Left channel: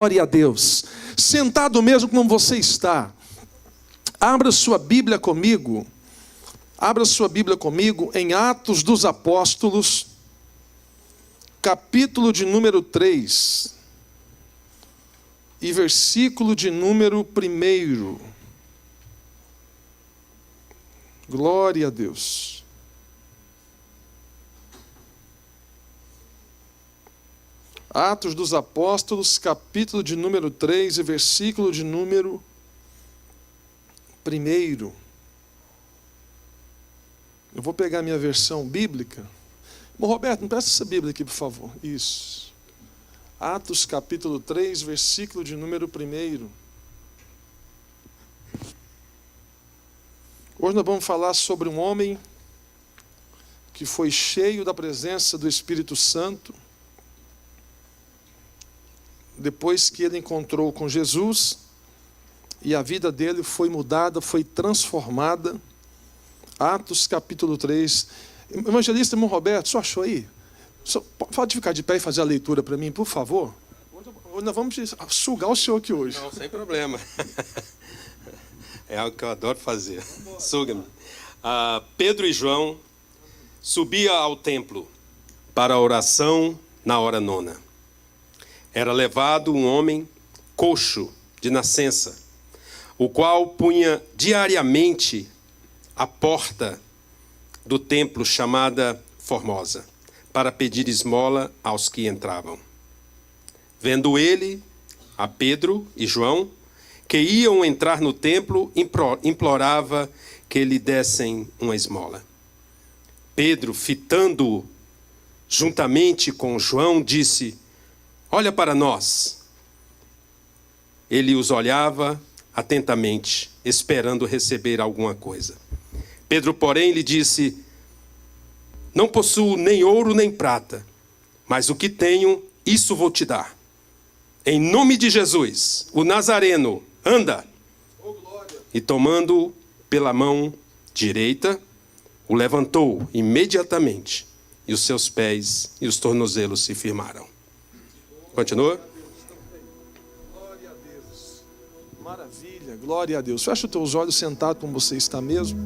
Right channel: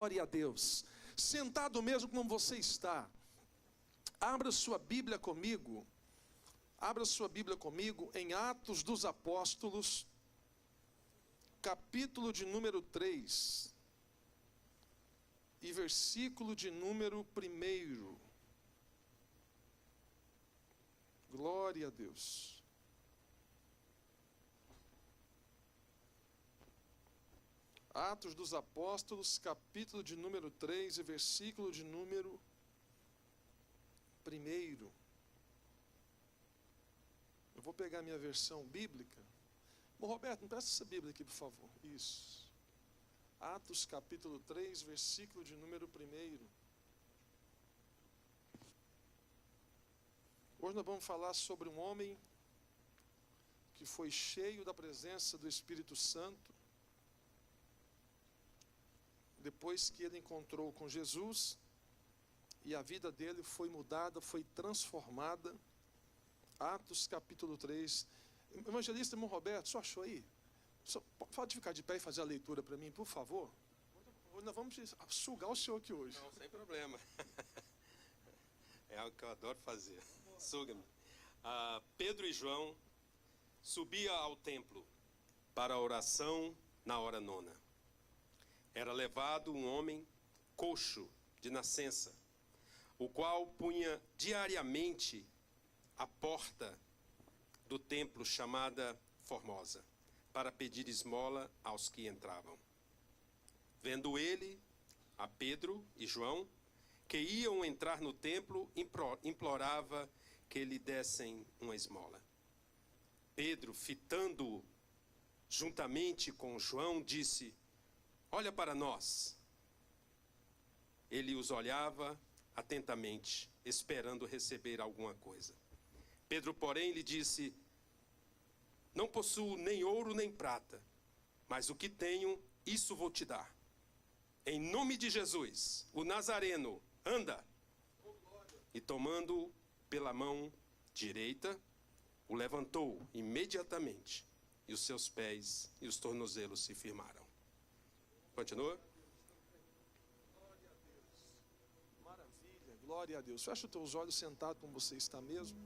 Glória a Deus. Sentado mesmo como você está, abra sua Bíblia comigo. Abra sua Bíblia comigo em Atos dos Apóstolos, capítulo de número 3 e versículo de número 1. Glória a Deus. Atos dos Apóstolos, capítulo de número 3 e versículo de número 1. Eu vou pegar minha versão bíblica. Bom, Roberto, me presta essa Bíblia aqui, por favor. Isso. Atos, capítulo 3, versículo de número 1. Hoje nós vamos falar sobre um homem que foi cheio da presença do Espírito Santo, depois que ele encontrou com Jesus, e a vida dele foi mudada, foi transformada. Atos capítulo 3. Evangelista, irmão Roberto, só achou aí? Pode ficar de pé e fazer a leitura para mim, por favor? Hoje nós vamos sugar o senhor aqui hoje. Não, sem problema. É algo que eu adoro fazer. Suga-me. Pedro e João subiam ao templo para a oração na hora nona. Era levado um homem coxo de nascença, o qual punha diariamente a porta do templo chamada Formosa, para pedir esmola aos que entravam. Vendo ele a Pedro e João, que iam entrar no templo, implorava que lhe dessem uma esmola. Pedro, fitando-o juntamente com João, disse: olha para nós. Ele os olhava atentamente, esperando receber alguma coisa. Pedro, porém, lhe disse: não possuo nem ouro nem prata, mas o que tenho, isso vou te dar. Em nome de Jesus, o Nazareno, anda. E tomando-o pela mão direita, o levantou imediatamente, e os seus pés e os tornozelos se firmaram. Continua. Glória a Deus. Maravilha, glória a Deus. Fecha os teus olhos sentado como você está mesmo.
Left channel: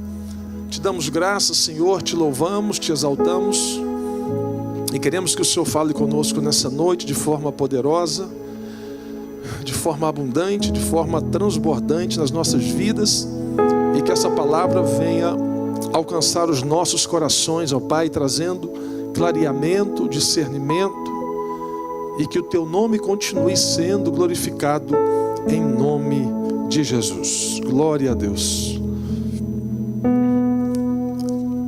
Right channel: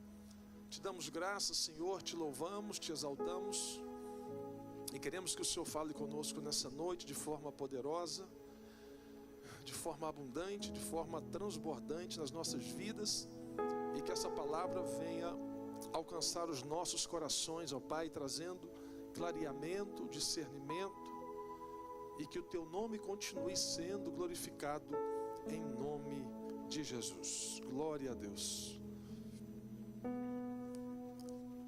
Te damos graças, Senhor, te louvamos, te exaltamos. E queremos que o Senhor fale conosco nessa noite de forma poderosa, de forma abundante, de forma transbordante nas nossas vidas. E que essa palavra venha alcançar os nossos corações, ó Pai, trazendo clareamento, discernimento. E que o teu nome continue sendo glorificado em nome de Jesus. Glória a Deus.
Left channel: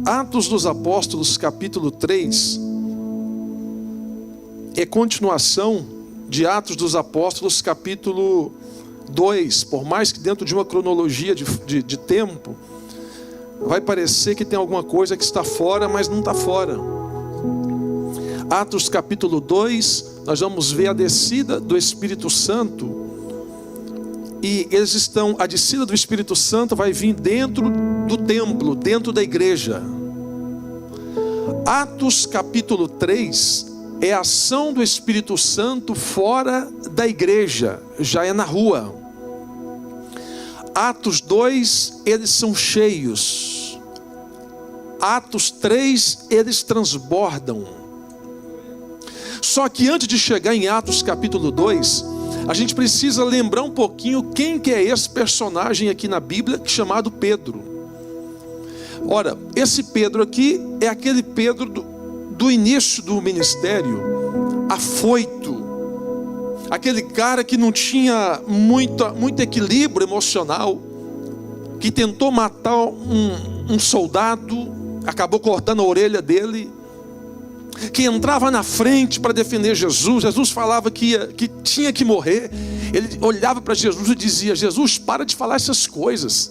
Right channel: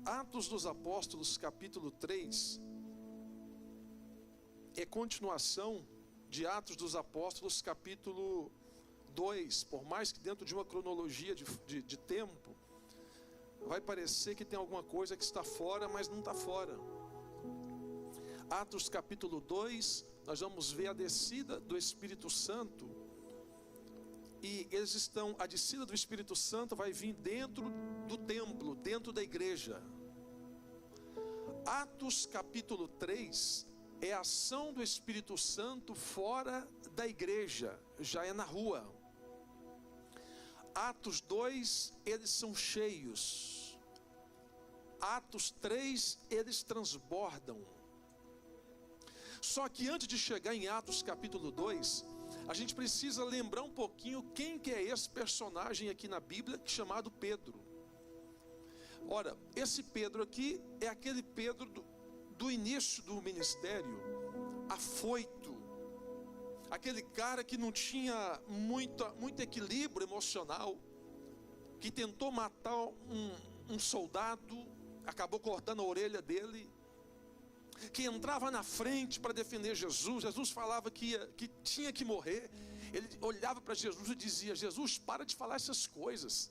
Atos dos Apóstolos, capítulo 3, é continuação de Atos dos Apóstolos, capítulo 2. Por mais que dentro de uma cronologia de tempo, vai parecer que tem alguma coisa que está fora, mas não está fora. Atos capítulo 2, nós vamos ver a descida do Espírito Santo. E a descida do Espírito Santo vai vir dentro do templo, dentro da igreja. Atos capítulo 3 é a ação do Espírito Santo fora da igreja, já é na rua. Atos 2, eles são cheios. Atos 3, eles transbordam. Só que antes de chegar em Atos capítulo 2, a gente precisa lembrar um pouquinho quem que é esse personagem aqui na Bíblia, chamado Pedro. Ora, esse Pedro aqui é aquele Pedro do início do ministério, afoito. Aquele cara que não tinha muito equilíbrio emocional, que tentou matar um soldado, acabou cortando a orelha dele, que entrava na frente para defender Jesus. Jesus falava que tinha que morrer. Ele olhava para Jesus e dizia: Jesus, para de falar essas coisas,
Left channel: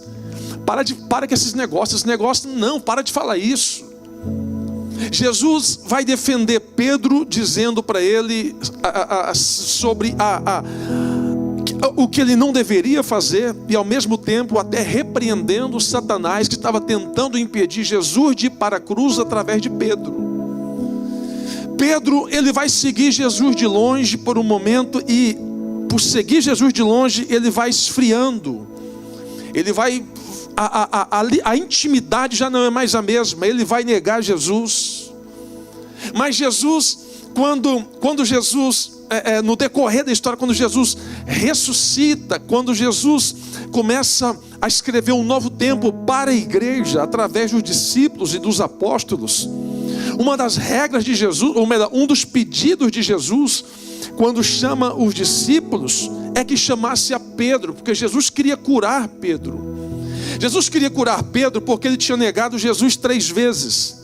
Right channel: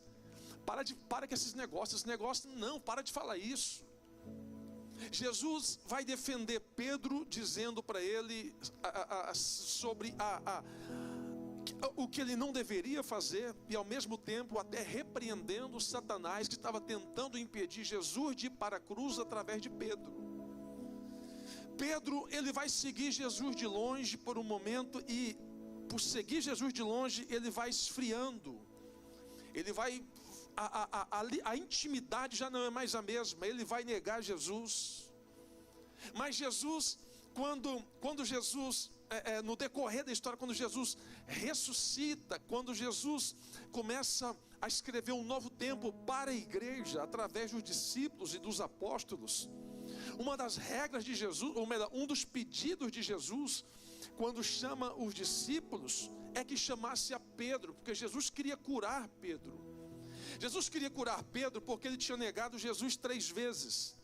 para com esses negócios, não, para de falar isso. Jesus vai defender Pedro, dizendo para ele sobre o que ele não deveria fazer, e ao mesmo tempo até repreendendo Satanás, que estava tentando impedir Jesus de ir para a cruz através de Pedro. Pedro, ele vai seguir Jesus de longe por um momento, e por seguir Jesus de longe, ele vai esfriando. Ele vai, a intimidade já não é mais a mesma. Ele vai negar Jesus. Mas Jesus, quando Jesus, no decorrer da história, quando Jesus ressuscita, quando Jesus começa a escrever um novo tempo para a igreja, através dos discípulos e dos apóstolos, uma das regras de Jesus, ou melhor, um dos pedidos de Jesus, quando chama os discípulos, é que chamasse a Pedro, porque Jesus queria curar Pedro. Jesus queria curar Pedro porque ele tinha negado Jesus 3 vezes.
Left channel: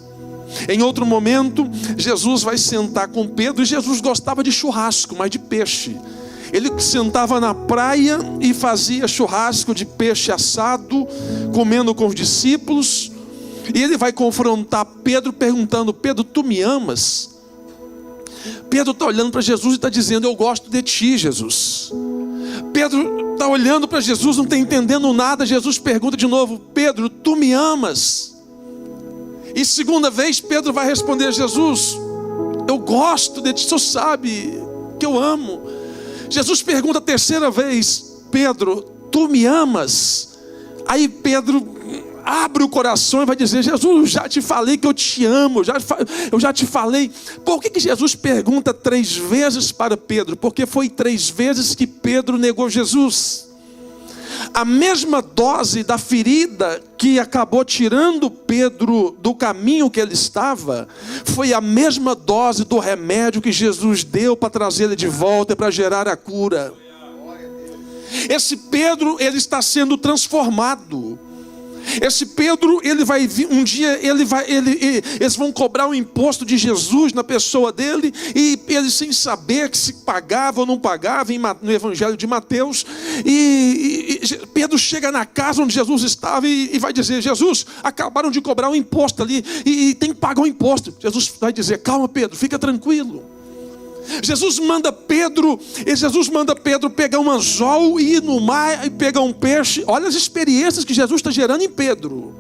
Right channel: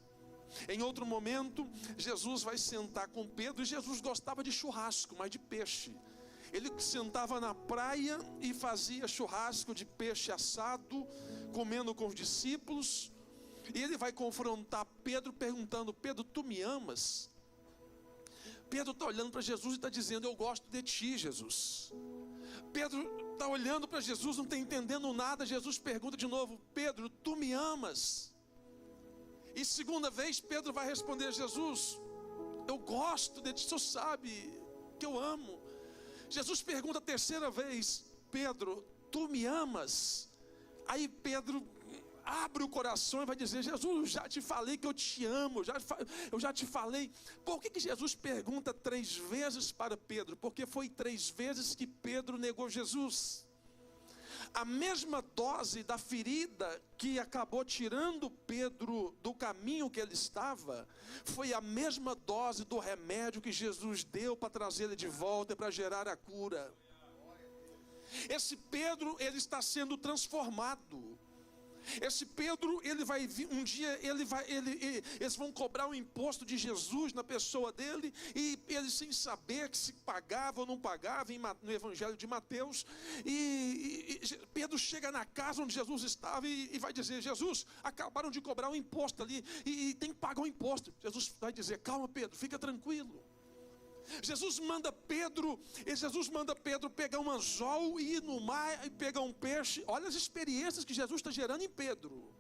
Em outro momento, Jesus vai sentar com Pedro, e Jesus gostava de churrasco, mas de peixe. Ele sentava na praia e fazia churrasco de peixe assado, comendo com os discípulos. E ele vai confrontar Pedro perguntando: Pedro, tu me amas? Pedro está olhando para Jesus e está dizendo: eu gosto de ti, Jesus. Pedro está olhando para Jesus, não está entendendo nada. Jesus pergunta de novo: Pedro, tu me amas? E segunda vez Pedro vai responder a Jesus: eu gosto de ti, o Senhor sabe que eu amo. Jesus pergunta a terceira vez: Pedro, tu me amas? Aí Pedro abre o coração e vai dizer: Jesus, já te falei que eu te amo, eu já te falei. Por que Jesus pergunta 3 vezes para Pedro? Porque foi 3 vezes que Pedro negou Jesus. A mesma dose da ferida que acabou tirando Pedro do caminho que ele estava, foi a mesma dose do remédio que Jesus deu para trazer ele de volta, para gerar a cura. Esse Pedro, ele está sendo transformado. Esse Pedro, ele vai vir, um dia eles vão cobrar o imposto de Jesus na pessoa dele, e ele, sem saber que se pagava ou não pagava, no Evangelho de Mateus, e Pedro chega na casa onde Jesus estava e vai dizer: Jesus, acabaram de cobrar o imposto ali, e tem que pagar o imposto. Jesus vai dizer: calma, Pedro, fica tranquilo. Jesus manda Pedro pegar um anzol e ir no mar e pegar um peixe. Olha as experiências que Jesus está gerando em Pedro.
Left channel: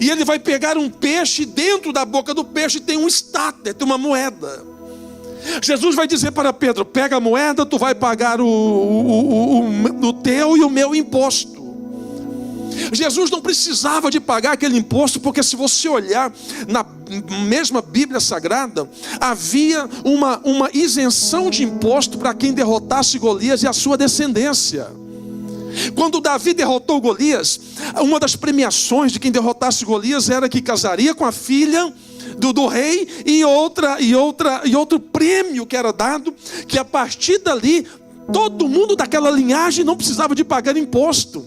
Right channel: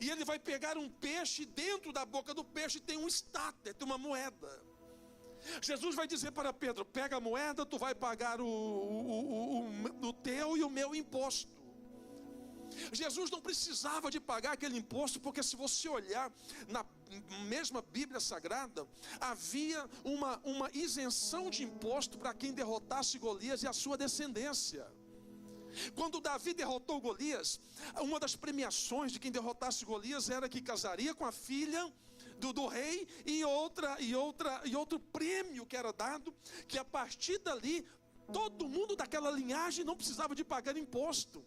E ele vai pegar um peixe, dentro da boca do peixe tem um estáter, tem uma moeda. Jesus vai dizer para Pedro: pega a moeda, tu vai pagar o teu e o meu imposto. Jesus não precisava de pagar aquele imposto, porque se você olhar na mesma Bíblia Sagrada, havia uma isenção de imposto para quem derrotasse Golias e a sua descendência. Quando Davi derrotou Golias, uma das premiações de quem derrotasse Golias era que casaria com a filha do rei, e outro prêmio que era dado, que a partir dali todo mundo daquela linhagem não precisava de pagar imposto.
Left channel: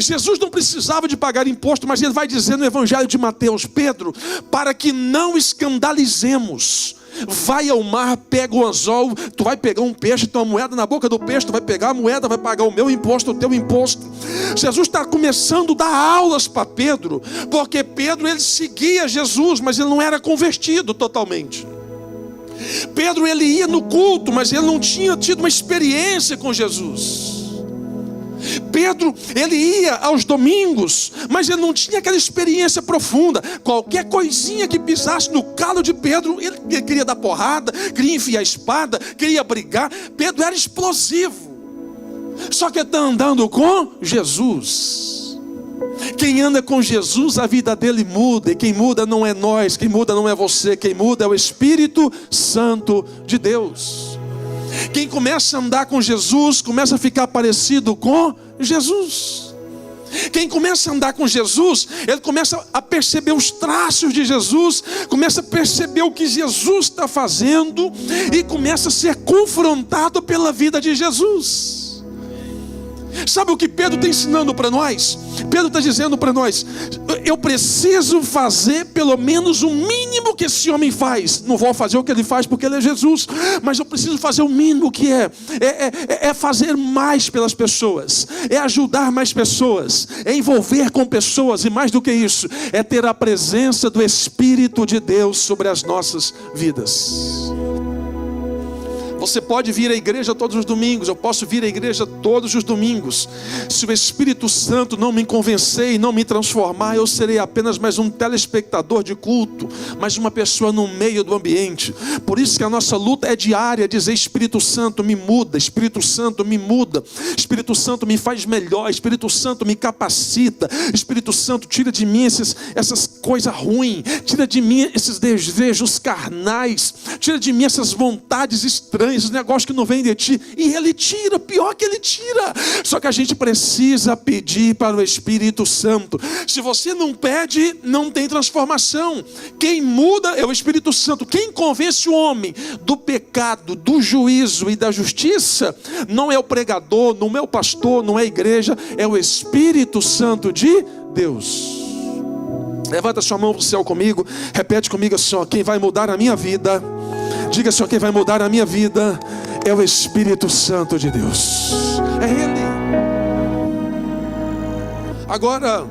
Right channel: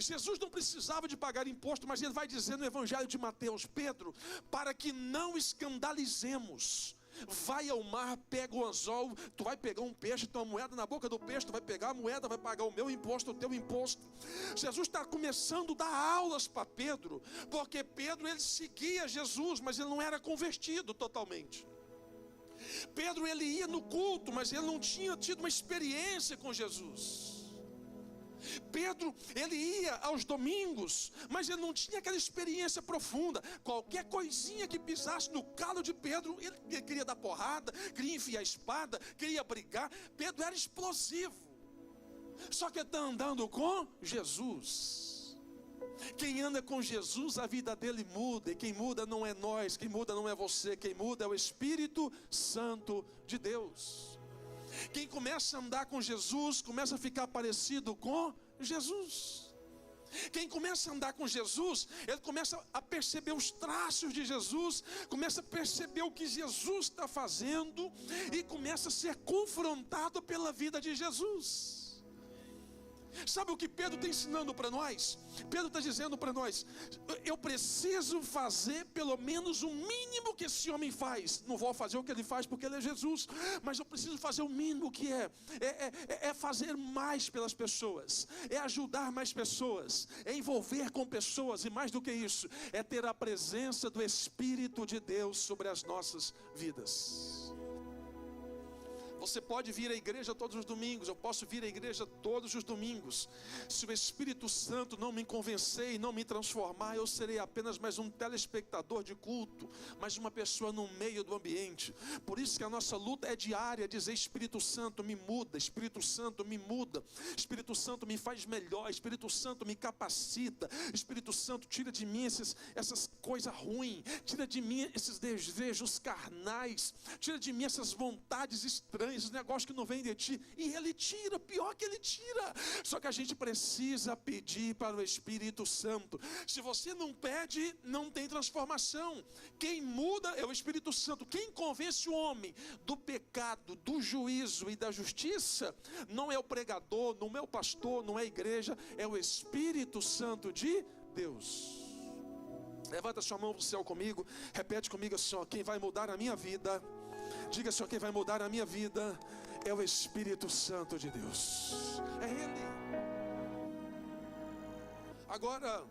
Jesus não precisava de pagar imposto, mas ele vai dizer no Evangelho de Mateus: Pedro, para que não escandalizemos, vai ao mar, pega o anzol, tu vai pegar um peixe, tem uma moeda na boca do peixe, tu vai pegar a moeda, vai pagar o meu imposto, o teu imposto. Jesus está começando a dar aulas para Pedro, porque Pedro, ele seguia Jesus, mas ele não era convertido totalmente. Pedro, ele ia no culto, mas ele não tinha tido uma experiência com Jesus. Pedro, ele ia aos domingos, mas ele não tinha aquela experiência profunda. Qualquer coisinha que pisasse no calo de Pedro, ele queria dar porrada, queria enfiar a espada, queria brigar. Pedro era explosivo. Só que está andando com Jesus. Quem anda com Jesus, a vida dele muda. E quem muda não é nós, quem muda não é você, quem muda é o Espírito Santo de Deus. Quem começa a andar com Jesus, começa a ficar parecido com Jesus. Quem começa a andar com Jesus, ele começa a perceber os traços de Jesus, começa a perceber o que Jesus está fazendo, e começa a ser confrontado pela vida de Jesus. Sabe o que Pedro está ensinando para nós? Pedro está dizendo para nós: eu preciso fazer pelo menos o mínimo que esse homem faz. Não vou fazer o que ele faz porque ele é Jesus, mas eu preciso fazer o mínimo que é fazer mais pelas pessoas, é ajudar mais pessoas, é envolver com pessoas, e mais do que isso, é ter a presença do Espírito de Deus sobre as nossas vidas. Você pode vir à igreja todos os domingos, eu posso vir à igreja todos os domingos. Se o Espírito Santo não me convencer e não me transformar, eu serei apenas mais um telespectador de culto, mais uma pessoa no meio do ambiente. Por isso que a nossa luta é diária, dizer: Espírito Santo me muda, Espírito Santo me muda, Espírito Santo me faz melhor, Espírito Santo me capacita, Espírito Santo tira de mim essas coisas ruins, tira de mim esses desejos carnais, tira de mim essas vontades estranhas, esses negócios que não vêm de ti. E Ele tira, pior que Ele tira. Só que a gente precisa pedir para o Espírito Santo. Se você não pede, não tem transformação. Quem muda é o Espírito Santo. Quem convence o homem do pecado, do juízo e da justiça, não é o pregador, não é o pastor, não é a igreja, é o Espírito Santo de Deus. Levanta sua mão para o céu comigo, repete comigo assim: ó, quem vai mudar a minha vida, diga assim: ó, quem vai mudar a minha vida é o Espírito Santo de Deus, é Ele. Agora,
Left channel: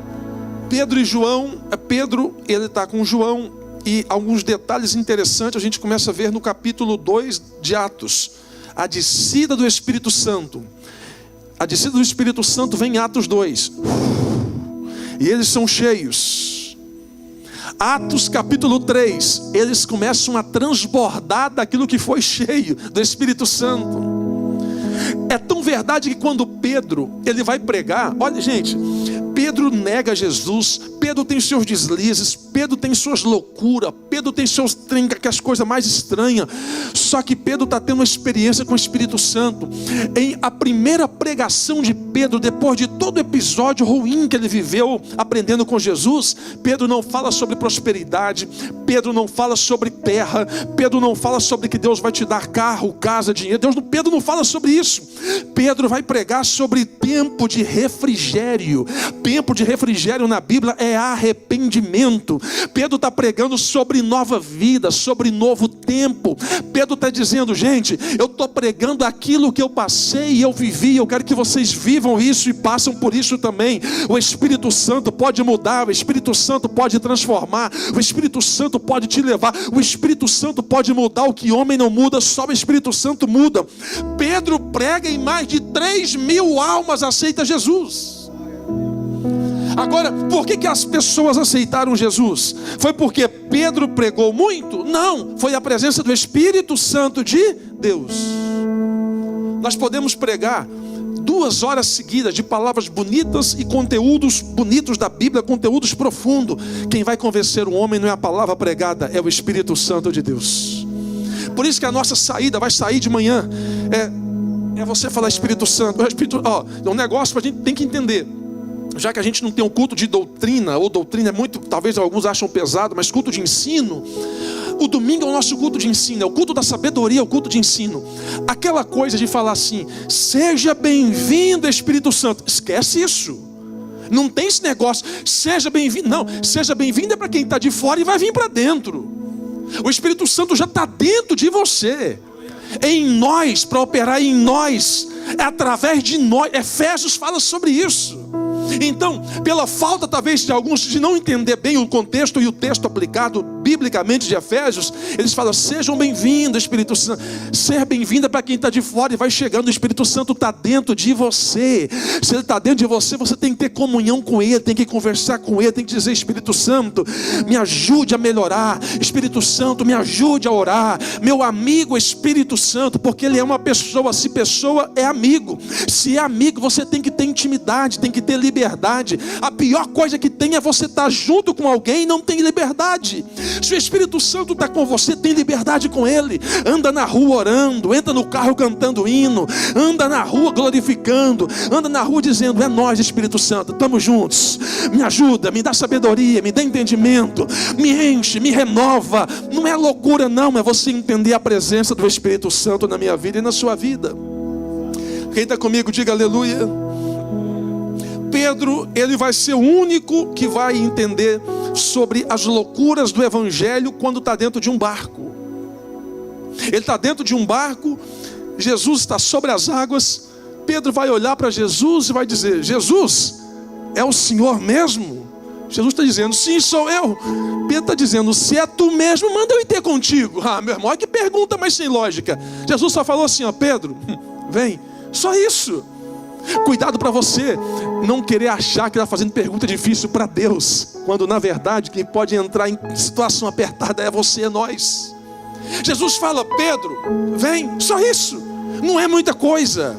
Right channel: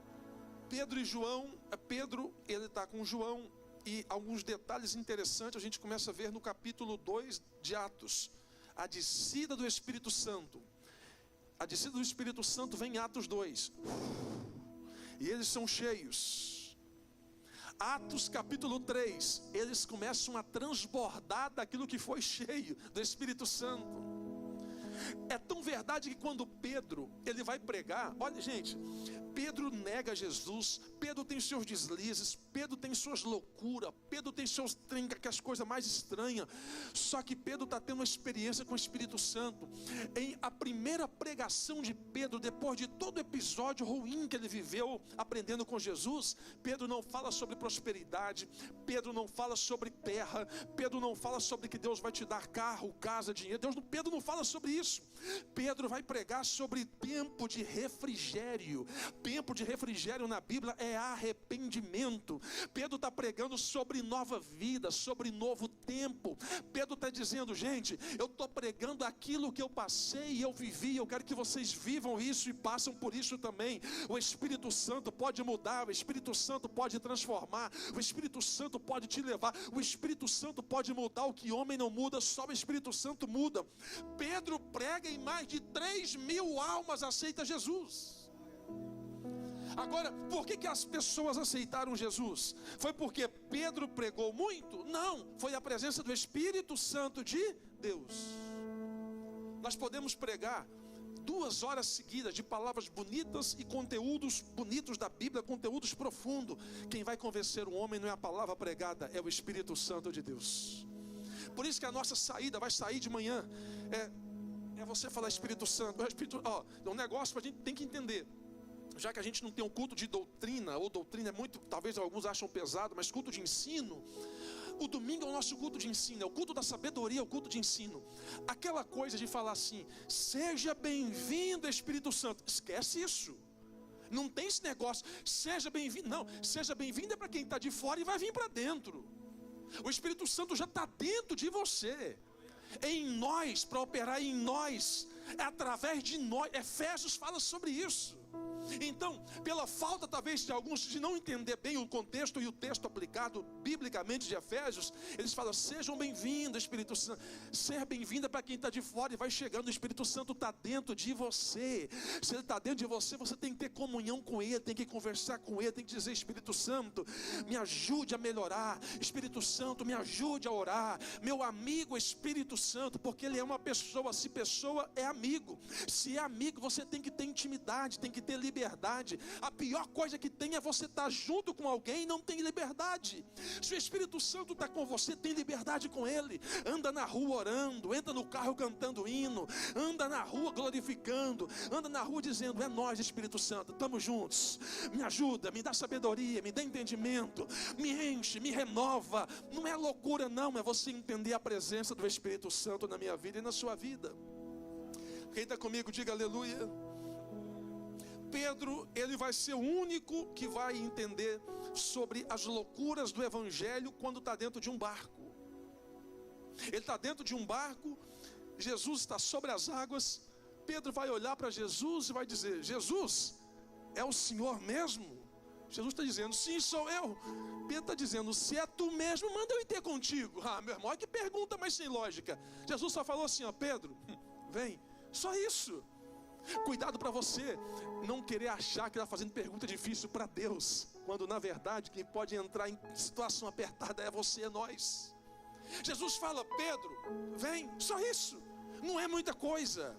Pedro e João, Pedro, ele está com João, e alguns detalhes interessantes a gente começa a ver no capítulo 2 de Atos. A descida do Espírito Santo. A descida do Espírito Santo vem em Atos 2. E eles são cheios. Atos capítulo 3, eles começam a transbordar daquilo que foi cheio do Espírito Santo. É tão verdade que quando Pedro, ele vai pregar, olha gente, Pedro nega Jesus, Pedro tem seus deslizes, Pedro tem suas loucuras, Pedro tem seus as coisas mais estranhas. Só que Pedro está tendo uma experiência com o Espírito Santo. Em a primeira pregação de Pedro, depois de todo o episódio ruim que ele viveu aprendendo com Jesus, Pedro não fala sobre prosperidade, Pedro não fala sobre terra, Pedro não fala sobre que Deus vai te dar carro, casa, dinheiro. Pedro não fala sobre isso. Pedro vai pregar sobre tempo de refrigério. Tempo de refrigério na Bíblia é arrependimento. Pedro está pregando sobre nova vida, sobre novo tempo. Pedro está dizendo: gente, eu estou pregando aquilo que eu passei e eu vivi, eu quero que vocês vivam isso e passam por isso também. O Espírito Santo pode mudar, o Espírito Santo pode transformar, o Espírito Santo pode te levar, o Espírito Santo pode mudar o que homem não muda, só o Espírito Santo muda. Pedro prega e mais de 3.000 almas aceitam Jesus. Agora, por que as pessoas aceitaram Jesus? Foi porque Pedro pregou muito? Não, foi a presença do Espírito Santo de Deus. Nós podemos pregar 2 horas seguidas de palavras bonitas e conteúdos bonitos da Bíblia, conteúdos profundos. Quem vai convencer o homem não é a palavra pregada, é o Espírito Santo de Deus. Por isso que a nossa saída vai sair de manhã. É você falar: Espírito Santo, é um negócio que a gente tem que entender. Já que a gente não tem um culto de doutrina, ou doutrina é muito, talvez alguns acham pesado, mas culto de ensino. O domingo é o nosso culto de ensino, é o culto da sabedoria, é o culto de ensino. Aquela coisa de falar assim: seja bem-vindo Espírito Santo, esquece isso. Não tem esse negócio, seja bem-vindo, não. Seja bem-vindo é para quem está de fora e vai vir para dentro. O Espírito Santo já está dentro de você, em nós, para operar em nós, é através de nós. Efésios fala sobre isso. Então, pela falta talvez de alguns de não entender bem o contexto e o texto aplicado biblicamente de Efésios, eles falam: sejam bem-vindos Espírito Santo. Ser bem-vindo é para quem está de fora e vai chegando. O Espírito Santo está dentro de você. Se Ele está dentro de você, você tem que ter comunhão com Ele, tem que conversar com Ele, tem que dizer: Espírito Santo, me ajude a melhorar. Espírito Santo, me ajude a orar. Meu amigo Espírito Santo, porque Ele é uma pessoa. Se pessoa é amigo, se é amigo, você tem que ter intimidade, tem que ter liberdade. A pior coisa que tem é você estar junto com alguém e não tem liberdade. Se o Espírito Santo está com você, tem liberdade com Ele. Anda na rua orando, entra no carro cantando hino, anda na rua glorificando, anda na rua dizendo: é nós Espírito Santo, estamos juntos, me ajuda, me dá sabedoria, me dá entendimento, me enche, me renova. Não é loucura não, é você entender a presença do Espírito Santo na minha vida e na sua vida. Quem está comigo, diga aleluia. Pedro, ele vai ser o único que vai entender sobre as loucuras do Evangelho quando está dentro de um barco. Ele está dentro de um barco, Jesus está sobre as águas. Pedro vai olhar para Jesus e vai dizer: Jesus, é o Senhor mesmo? Jesus está dizendo, sim, sou eu. Pedro está dizendo, se é tu mesmo, manda eu ir ter contigo. Ah, meu irmão, olha que pergunta mais sem lógica. Jesus só falou assim, ó, Pedro, vem, só isso. Cuidado para você não querer achar que está fazendo pergunta difícil para Deus, quando na verdade quem pode entrar em situação apertada é você, é nós. Jesus fala, Pedro, vem, só isso, não é muita coisa.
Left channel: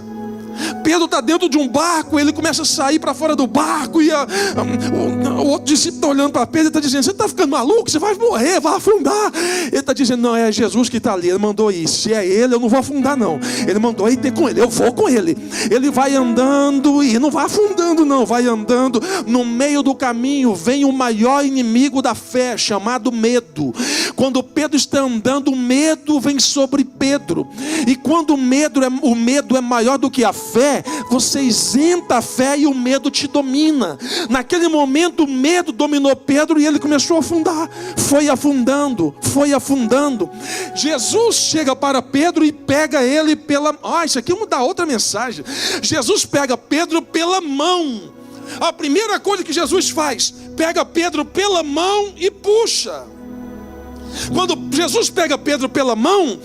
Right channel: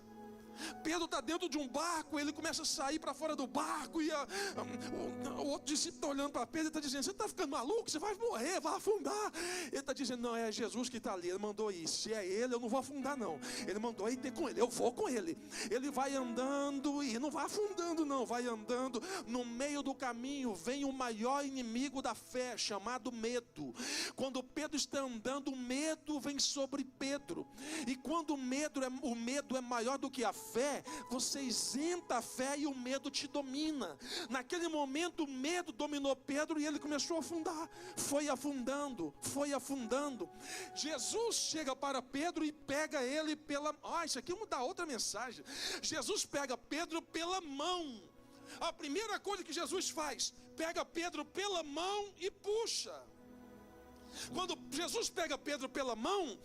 Pedro está dentro de um barco, ele começa a sair para fora do barco, e o outro discípulo está olhando para Pedro e está dizendo, você está ficando maluco, você vai morrer, vai afundar. Ele está dizendo, não, é Jesus que está ali, ele mandou ir, se é ele eu não vou afundar não, ele mandou ir ter com ele, eu vou com ele. Ele vai andando e não vai afundando não, vai andando, no meio do caminho vem o maior inimigo da fé, chamado medo. Quando Pedro está andando, o medo vem sobre Pedro, e quando o medo é maior do que a fé, você isenta a fé e o medo te domina. Naquele momento o medo dominou Pedro e ele começou a afundar, foi afundando. Jesus chega para Pedro e pega ele pela... isso aqui vamos dar outra mensagem. Jesus pega Pedro pela mão. A primeira coisa que Jesus faz, pega Pedro pela mão e puxa. Quando Jesus pega Pedro pela mão,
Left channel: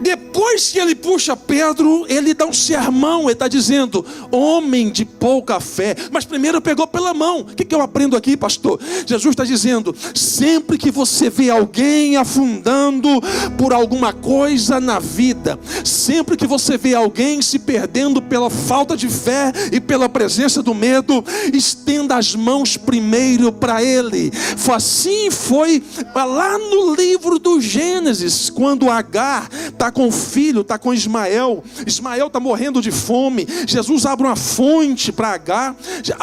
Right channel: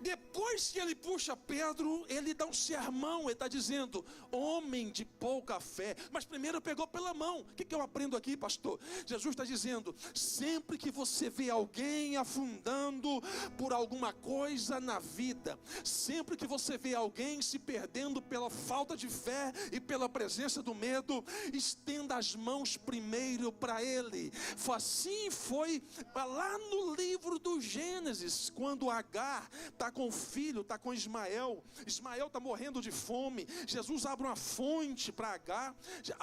depois que ele puxa Pedro, ele dá um sermão, ele está dizendo, homem de pouca fé. Mas primeiro pegou pela mão. O que eu aprendo aqui, pastor? Jesus está dizendo, sempre que você vê alguém afundando por alguma coisa na vida, sempre que você vê alguém se perdendo pela falta de fé e pela presença do medo, estenda as mãos primeiro para ele. Assim foi lá no livro do Gênesis, quando Agar está com o filho, está com Ismael está morrendo de fome, Jesus abre uma fonte para Agar.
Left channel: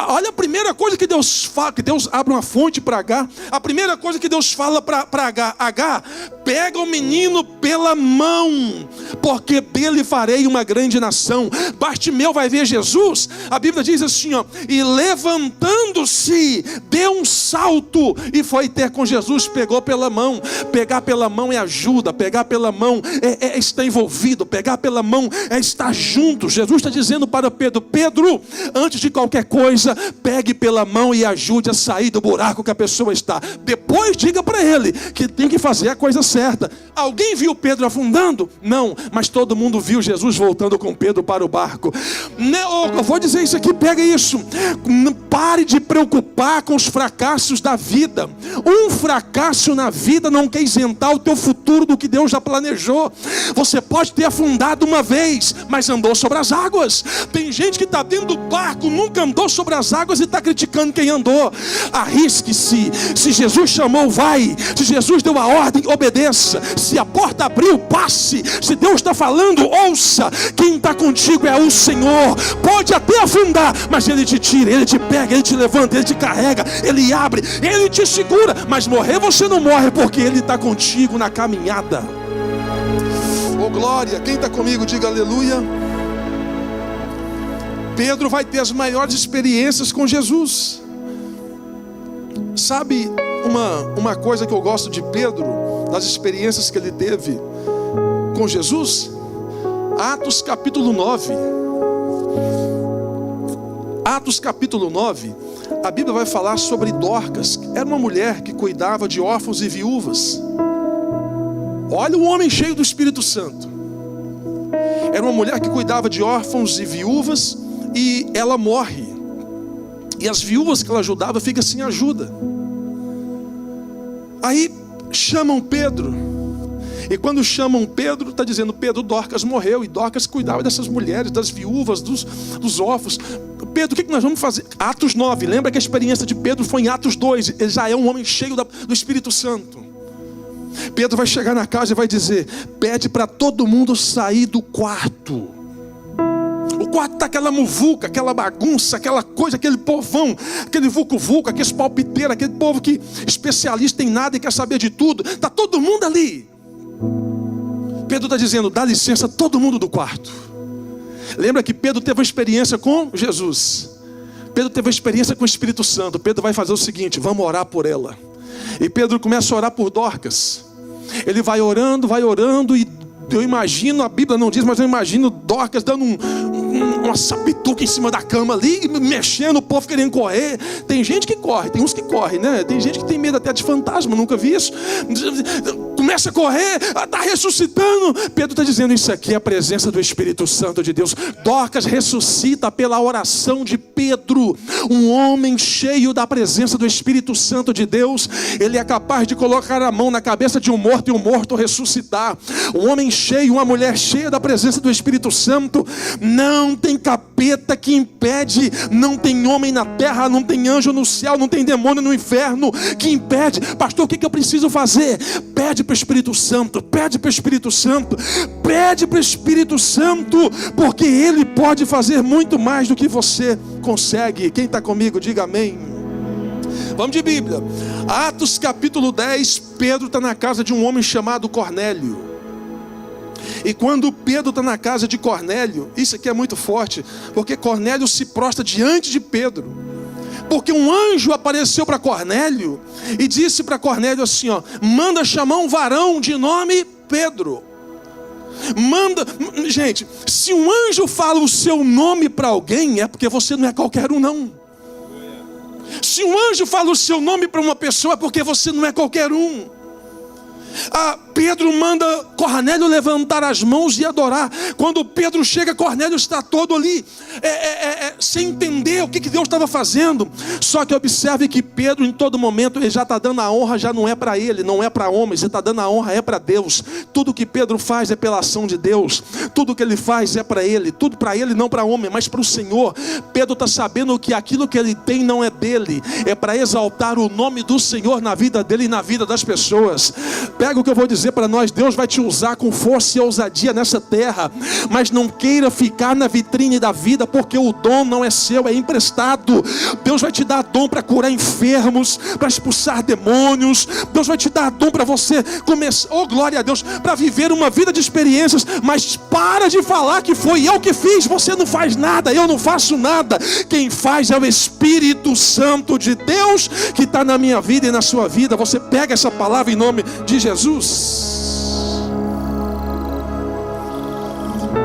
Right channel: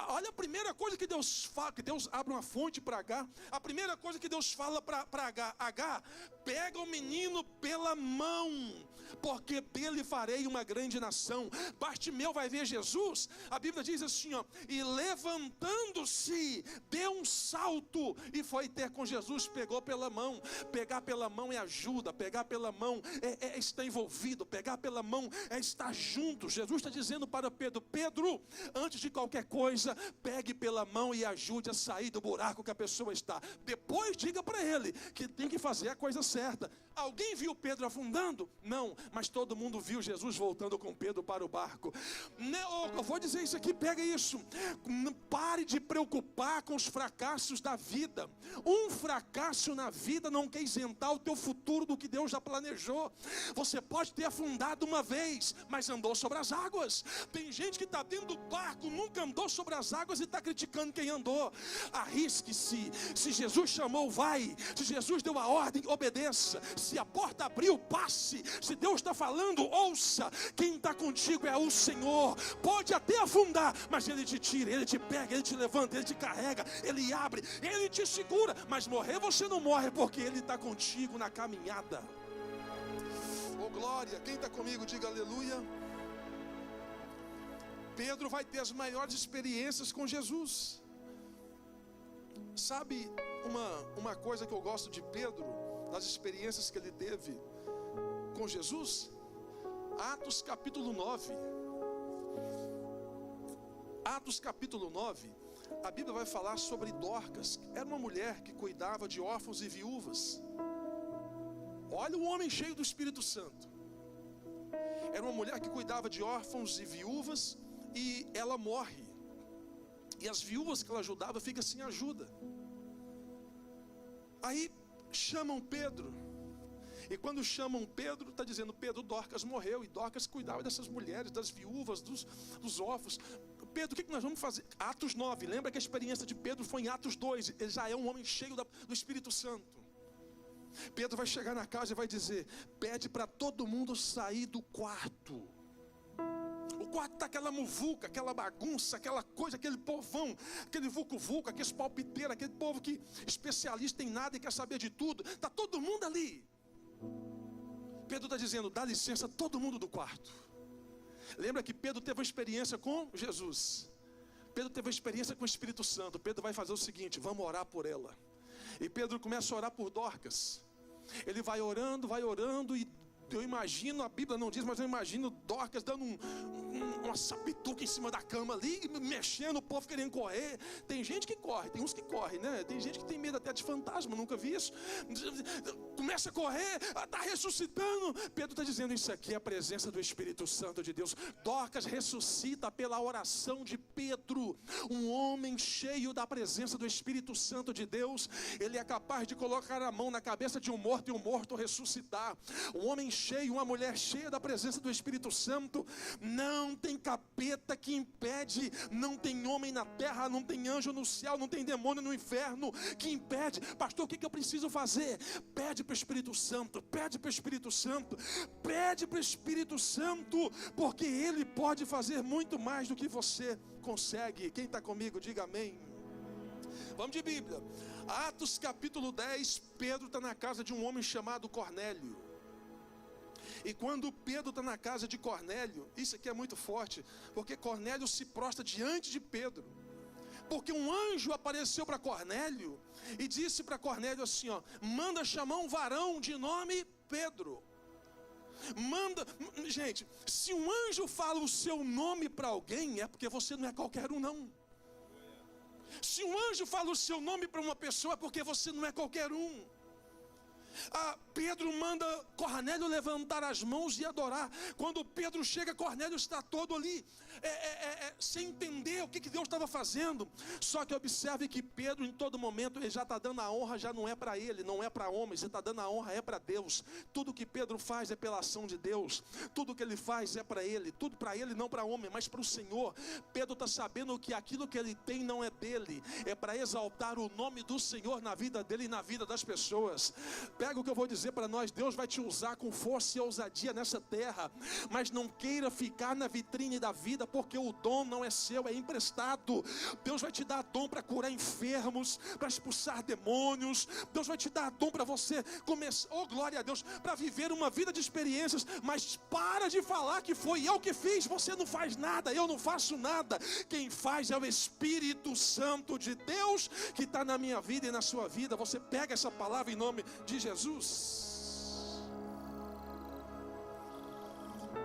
Olha a primeira coisa que Deus fala, que Deus abre uma fonte para Agar. A primeira coisa que Deus fala para Agar, Agar, pega o menino pela mão, porque dele farei uma grande nação. Bartimeu vai ver Jesus, a Bíblia diz assim, ó, e levantando-se, deu um salto e foi ter com Jesus, pegou pela mão. Pegar pela mão é ajuda, pegar pela mão é estar envolvido, pegar pela mão é estar junto. Jesus está dizendo para Pedro, Pedro, antes de qualquer coisa, pegue pela mão e ajude a sair do buraco que a pessoa está. Depois diga para ele que tem que fazer a coisa certa. Alguém viu Pedro afundando? Não, mas todo mundo viu Jesus voltando com Pedro para o barco. Eu vou dizer isso aqui, pega isso. Pare de preocupar com os fracassos da vida. Um fracasso na vida não quer isentar o teu futuro do que Deus já planejou. Você pode ter afundado uma vez, mas andou sobre as águas. Tem gente que está dentro do barco, nunca andou sobre as águas e está criticando quem andou. Arrisque-se. Se Jesus chamou, vai. Se Jesus deu a ordem, obedeça. Se a porta abriu, passe. Se Deus está falando, ouça. Quem está contigo é o Senhor. Pode até afundar, mas Ele te tira, Ele te pega, Ele te levanta, Ele te carrega, Ele abre, Ele te segura. Mas morrer você não morre, porque Ele está contigo na caminhada. Oh glória, quem está comigo diga aleluia. Pedro vai ter as maiores experiências com Jesus. Sabe uma coisa que eu gosto de Pedro, das experiências que ele teve com Jesus? Atos capítulo 9. Atos capítulo 9, a Bíblia vai falar sobre Dorcas. Era uma mulher que cuidava de órfãos e viúvas. Olha o homem cheio do Espírito Santo. Era uma mulher que cuidava de órfãos e viúvas, e ela morre. E as viúvas que ela ajudava ficam sem ajuda. Aí chamam Pedro. E quando chamam Pedro, está dizendo, Pedro, Dorcas morreu. E Dorcas cuidava dessas mulheres, das viúvas, dos órfãos. Pedro, o que nós vamos fazer? Atos 9, lembra que a experiência de Pedro foi em Atos 2. Ele já é um homem cheio do Espírito Santo. Pedro vai chegar na casa e vai dizer, pede para todo mundo sair do quarto. O quarto está aquela muvuca, aquela bagunça, aquela coisa, aquele povão, aquele vucu-vucu, aqueles palpiteiros, aquele povo que especialista em nada e quer saber de tudo. Está todo mundo ali. Pedro está dizendo, dá licença todo mundo do quarto. Lembra que Pedro teve uma experiência com Jesus. Pedro teve uma experiência com o Espírito Santo. Pedro vai fazer o seguinte, vamos orar por ela. E Pedro começa a orar por Dorcas. Ele vai orando e eu imagino, a Bíblia não diz, mas eu imagino Dorcas dando uma sapituca em cima da cama ali, mexendo, o povo querendo correr. Tem gente que corre, tem uns que correm, né? Tem gente que tem medo até de fantasma, nunca vi isso. Começa a correr, está ressuscitando. Pedro está dizendo, isso aqui é a presença do Espírito Santo de Deus. Dorcas ressuscita pela oração de Pedro. Um homem cheio da presença do Espírito Santo de Deus, ele é capaz de colocar a mão na cabeça de um morto e um morto ressuscitar. Um homem cheio, uma mulher cheia da presença do Espírito Santo. Não tem capeta que impede, não tem homem na terra, não tem anjo no céu, não tem demônio no inferno que impede. Pastor, o que eu preciso fazer? Pede para o Espírito Santo, pede para o Espírito Santo, pede para o Espírito Santo, porque Ele pode fazer muito mais do que você consegue. Quem está comigo, diga amém. Vamos de Bíblia. Atos capítulo 10, Pedro está na casa de um homem chamado Cornélio. E quando Pedro está na casa de Cornélio, isso aqui é muito forte, porque Cornélio se prostra diante de Pedro. Porque um anjo apareceu para Cornélio e disse para Cornélio assim, ó, manda chamar um varão de nome Pedro. Manda, gente, se um anjo fala o seu nome para alguém, é porque você não é qualquer um não. Se um anjo fala o seu nome para uma pessoa, é porque você não é qualquer um. Pedro manda Cornélio levantar as mãos e adorar. Quando Pedro chega, Cornélio está todo ali sem entender o que Deus estava fazendo. Só que observe que Pedro em todo momento ele já está dando a honra, já não é para ele, não é para homens, ele está dando a honra, é para Deus. Tudo que Pedro faz é pela ação de Deus. Tudo que ele faz é para ele, tudo para ele, não para homem, mas para o Senhor. Pedro está sabendo que aquilo que ele tem não é dele, é para exaltar o nome do Senhor na vida dele e na vida das pessoas. Pega o que eu vou dizer para nós, Deus vai te usar com força e ousadia nessa terra, mas não queira ficar na vitrine da vida, porque o dom não é seu, é emprestado. Deus vai te dar dom para curar enfermos, para expulsar demônios. Deus vai te dar dom para você começar, oh glória a Deus, para viver uma vida de experiências. Mas para de falar que foi eu que fiz. Você não faz nada, eu não faço nada. Quem faz é o Espírito Santo de Deus que está na minha vida e na sua vida. Você pega essa palavra em nome de Jesus.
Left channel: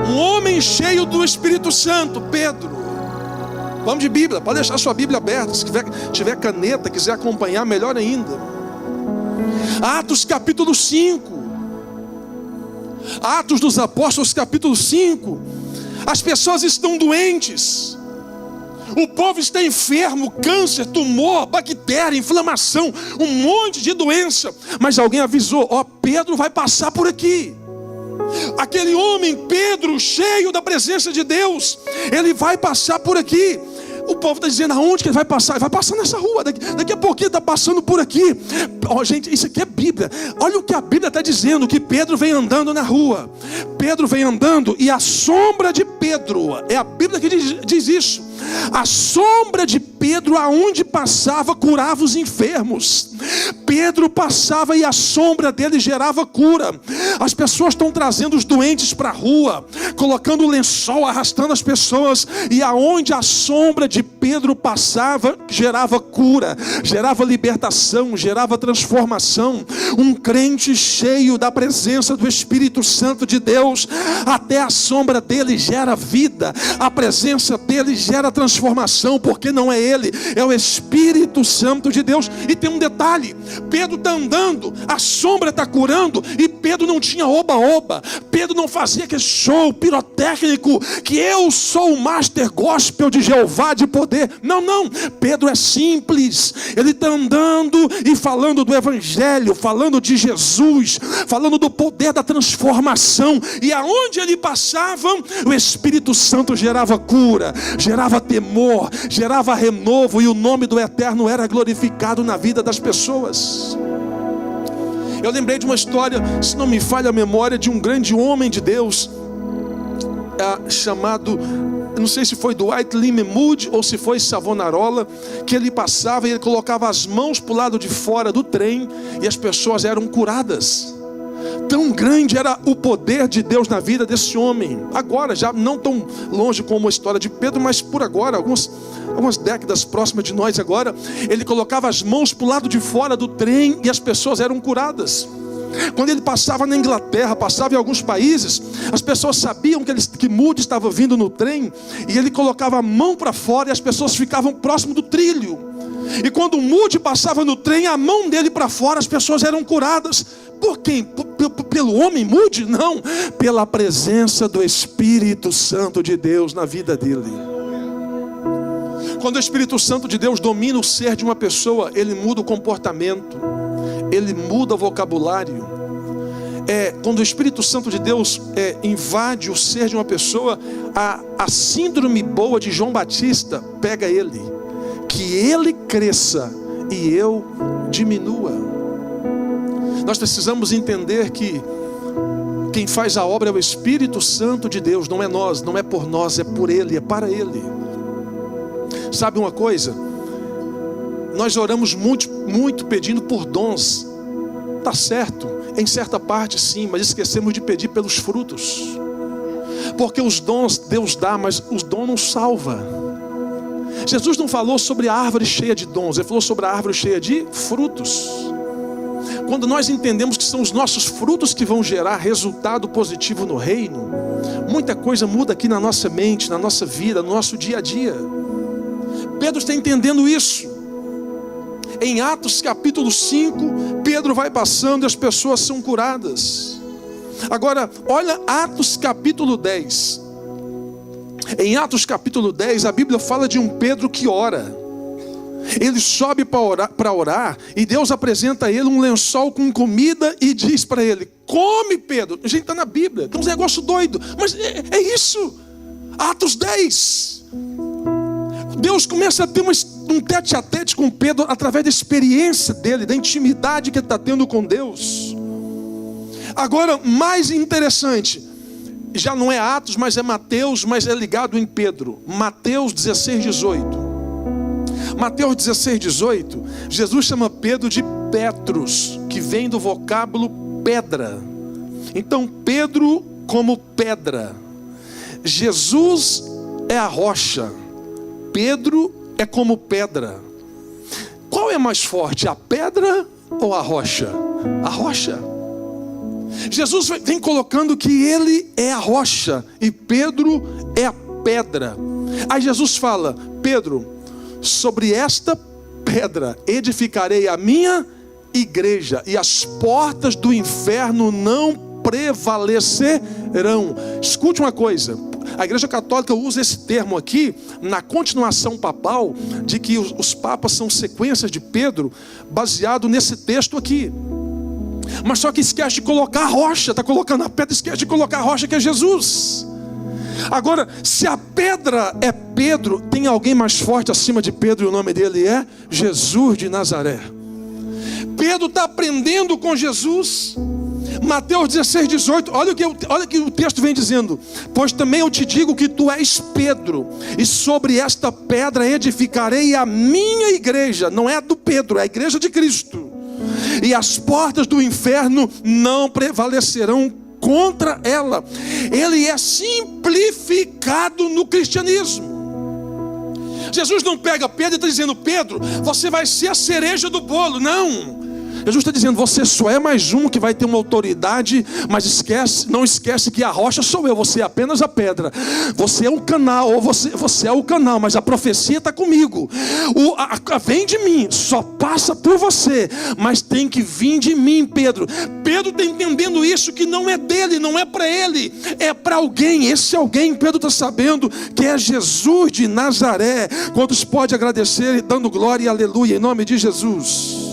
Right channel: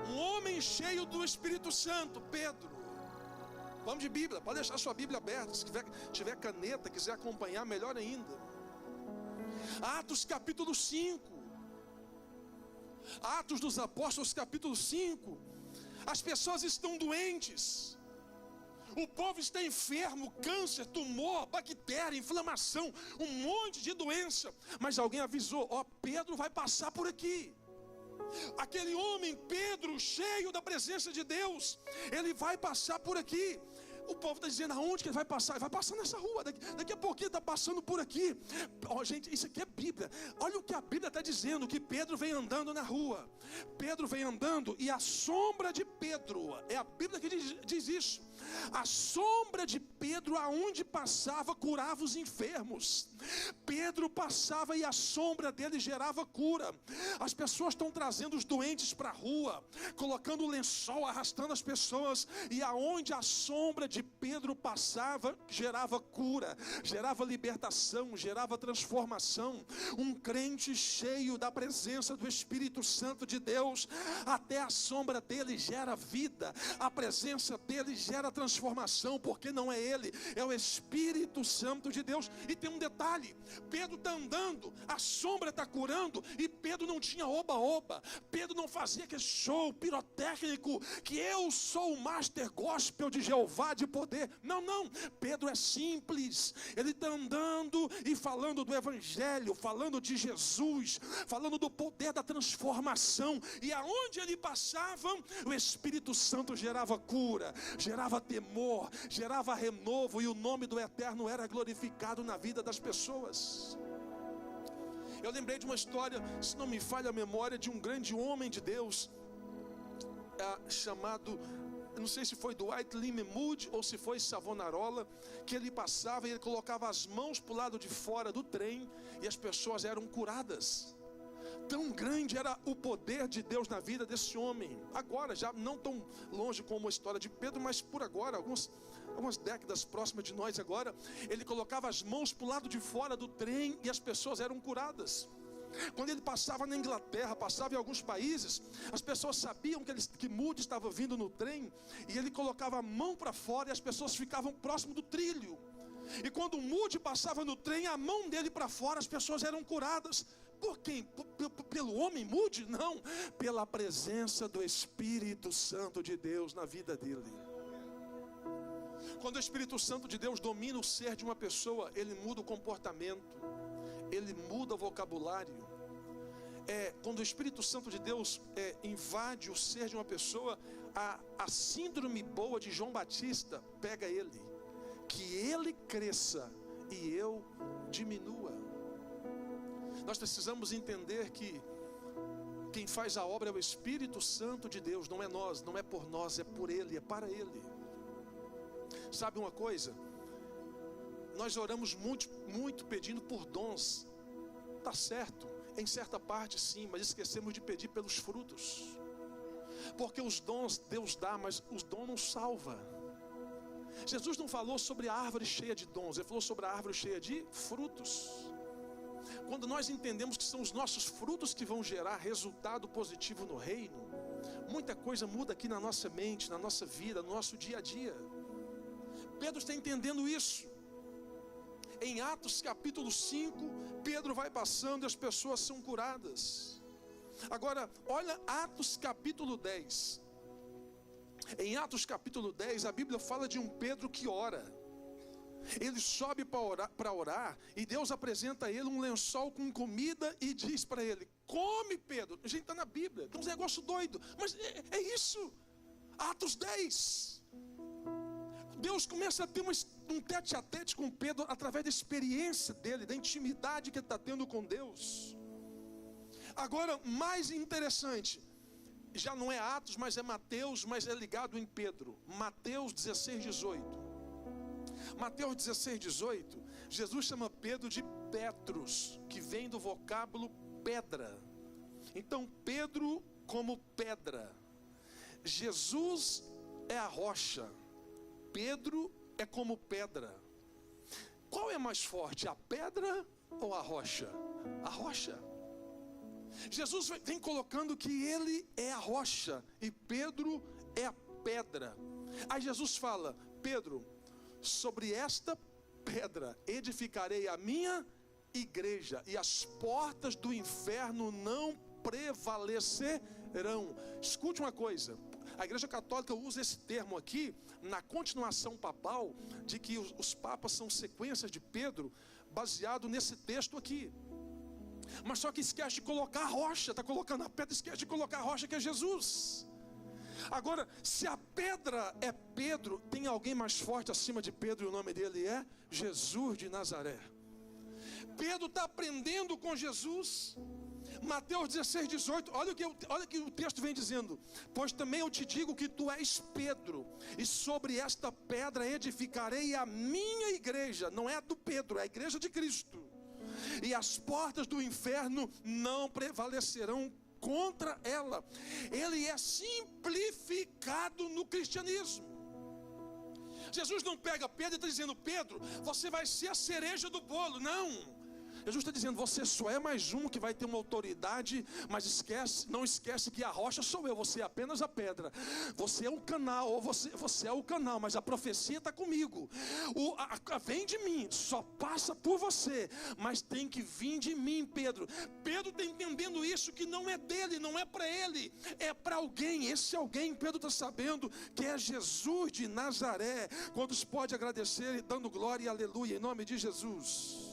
Um homem cheio do Espírito Santo, Pedro. Vamos de Bíblia, pode deixar sua Bíblia aberta. Se tiver caneta, quiser acompanhar, melhor ainda. Atos capítulo 5. Atos dos Apóstolos capítulo 5. As pessoas estão doentes. O povo está enfermo, câncer, tumor, bactéria, inflamação, um monte de doença. Mas alguém avisou, ó, Pedro vai passar por aqui. Aquele homem, Pedro, cheio da presença de Deus, ele vai passar por aqui. O povo está dizendo, aonde que ele vai passar? Ele vai passar nessa rua, daqui a pouquinho está passando por aqui. Oh, gente, isso aqui é Bíblia. Olha o que a Bíblia está dizendo, que Pedro vem andando na rua. Pedro vem andando e a sombra de Pedro, é a Bíblia que diz isso. A sombra de Pedro, aonde passava, curava os enfermos. Pedro passava e a sombra dele gerava cura. As pessoas estão trazendo os doentes para a rua, colocando lençol, arrastando as pessoas. E aonde a sombra de Pedro passava, gerava cura, gerava libertação, gerava transformação. Um crente cheio da presença do Espírito Santo de Deus, até a sombra dele gera vida, a presença dele gera transformação, porque não é ele, é o Espírito Santo de Deus. E tem um detalhe, Pedro está andando, a sombra está curando, e Pedro não tinha oba-oba, Pedro não fazia aquele show pirotécnico, que eu sou o master gospel de Jeová de poder. Não, Pedro é simples, ele está andando e falando do Evangelho, falando de Jesus, falando do poder da transformação, e aonde ele passava, o Espírito Santo gerava cura, gerava temor, gerava renovo, e o nome do Eterno era glorificado na vida das pessoas. Eu lembrei de uma história, se não me falha a memória, de um grande homem de Deus, chamado, não sei se foi Dwight Lyman Moody ou se foi Savonarola, que ele passava e ele colocava as mãos para o lado de fora do trem e as pessoas eram curadas. Tão grande era o poder de Deus na vida desse homem. Agora, já não tão longe como a história de Pedro, mas por agora, algumas décadas próximas de nós agora, ele colocava as mãos para o lado de fora do trem e as pessoas eram curadas. Quando ele passava na Inglaterra, passava em alguns países, as pessoas sabiam que Moody estava vindo no trem, e ele colocava a mão para fora e as pessoas ficavam próximo do trilho. E quando Moody passava no trem, a mão dele para fora, as pessoas eram curadas. Por quem? Pelo homem Moody? Não, pela presença do Espírito Santo de Deus na vida dele. Quando o Espírito Santo de Deus domina o ser de uma pessoa, ele muda o comportamento, ele muda o vocabulário. Quando o Espírito Santo de Deus invade o ser de uma pessoa, a síndrome boa de João Batista pega ele, que ele cresça e eu diminua. Nós precisamos entender que quem faz a obra é o Espírito Santo de Deus, não é nós, não é por nós, é por Ele, é para Ele. Sabe uma coisa? Nós oramos muito pedindo por dons. Está certo, em certa parte sim, mas esquecemos de pedir pelos frutos. Porque os dons Deus dá, mas os dons não salva. Jesus não falou sobre a árvore cheia de dons, Ele falou sobre a árvore cheia de frutos. Quando nós entendemos que são os nossos frutos que vão gerar resultado positivo no reino, muita coisa muda aqui na nossa mente, na nossa vida, no nosso dia a dia. Pedro está entendendo isso. Em Atos capítulo 5, Pedro vai passando e as pessoas são curadas. Agora, olha Atos capítulo 10. Em Atos capítulo 10, a Bíblia fala de um Pedro que ora. Ele sobe para orar e Deus apresenta a ele um lençol com comida e diz para ele: come, Pedro. A gente está na Bíblia, tem uns negócio doido, mas é isso. Atos 10. Deus começa a ter um tete-a-tete com Pedro através da experiência dele, da intimidade que ele está tendo com Deus. Agora, mais interessante, já não é Atos, mas é Mateus, mas é ligado em Pedro. Mateus 16, 18. Mateus 16, 18, Jesus chama Pedro de Petros, que vem do vocábulo pedra. Então Pedro como pedra. Jesus é a rocha, Pedro é como pedra. Qual é mais forte, a pedra ou a rocha? A rocha. Jesus vem colocando que ele é a rocha e Pedro é a pedra. Aí Jesus fala: Pedro, sobre esta pedra edificarei a minha igreja, e as portas do inferno não prevalecerão. Escute uma coisa, a Igreja Católica usa esse termo aqui na continuação papal, de que os papas são sequências de Pedro, baseado nesse texto aqui. Mas só que esquece de colocar a rocha, está colocando a pedra, esquece de colocar a rocha, que é Jesus. Agora, se a pedra é Pedro, tem alguém mais forte acima de Pedro, e o nome dele é Jesus de Nazaré. Pedro está aprendendo com Jesus. Mateus 16, 18, olha o que o texto vem dizendo: pois também eu te digo que tu és Pedro, e sobre esta pedra edificarei a minha igreja. Não é a do Pedro, é a igreja de Cristo. E as portas do inferno não prevalecerão contra ela. Ele é simplificado no cristianismo. Jesus não pega Pedro e está dizendo: Pedro, você vai ser a cereja do bolo. Não. Jesus está dizendo: você só é mais um que vai ter uma autoridade, mas não esquece que a rocha sou eu, você é apenas a pedra. Você é um canal, ou você é o canal, mas a profecia está comigo. Vem de mim, só passa por você, mas tem que vir de mim, Pedro. Pedro está entendendo isso, que não é dele, não é para ele, é para alguém. Esse alguém, Pedro está sabendo que é Jesus de Nazaré. Quantos pode agradecer dando glória e aleluia em nome de Jesus?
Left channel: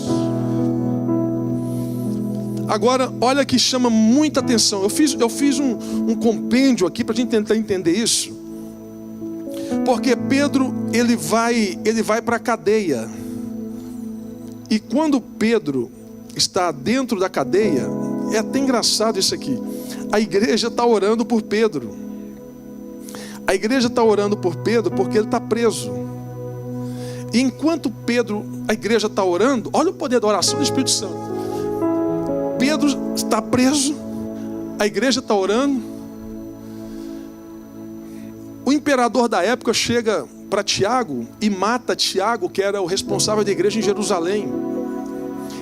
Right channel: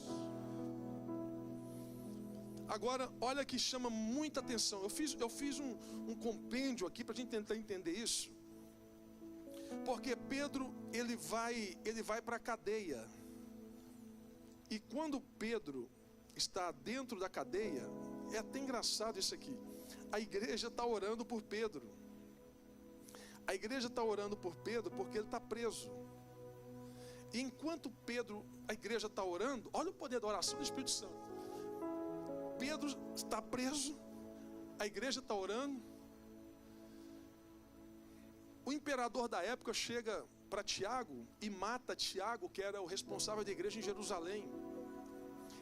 Agora, olha que chama muita atenção. Eu fiz um compêndio aqui para a gente tentar entender isso. Porque Pedro, ele vai para a cadeia. E quando Pedro está dentro da cadeia, é até engraçado isso aqui. A igreja está orando por Pedro. A igreja está orando por Pedro porque ele está preso. E enquanto a igreja está orando, olha o poder da oração do Espírito Santo. Pedro está preso, a igreja está orando. O imperador da época chega para Tiago e mata Tiago, que era o responsável da igreja em Jerusalém.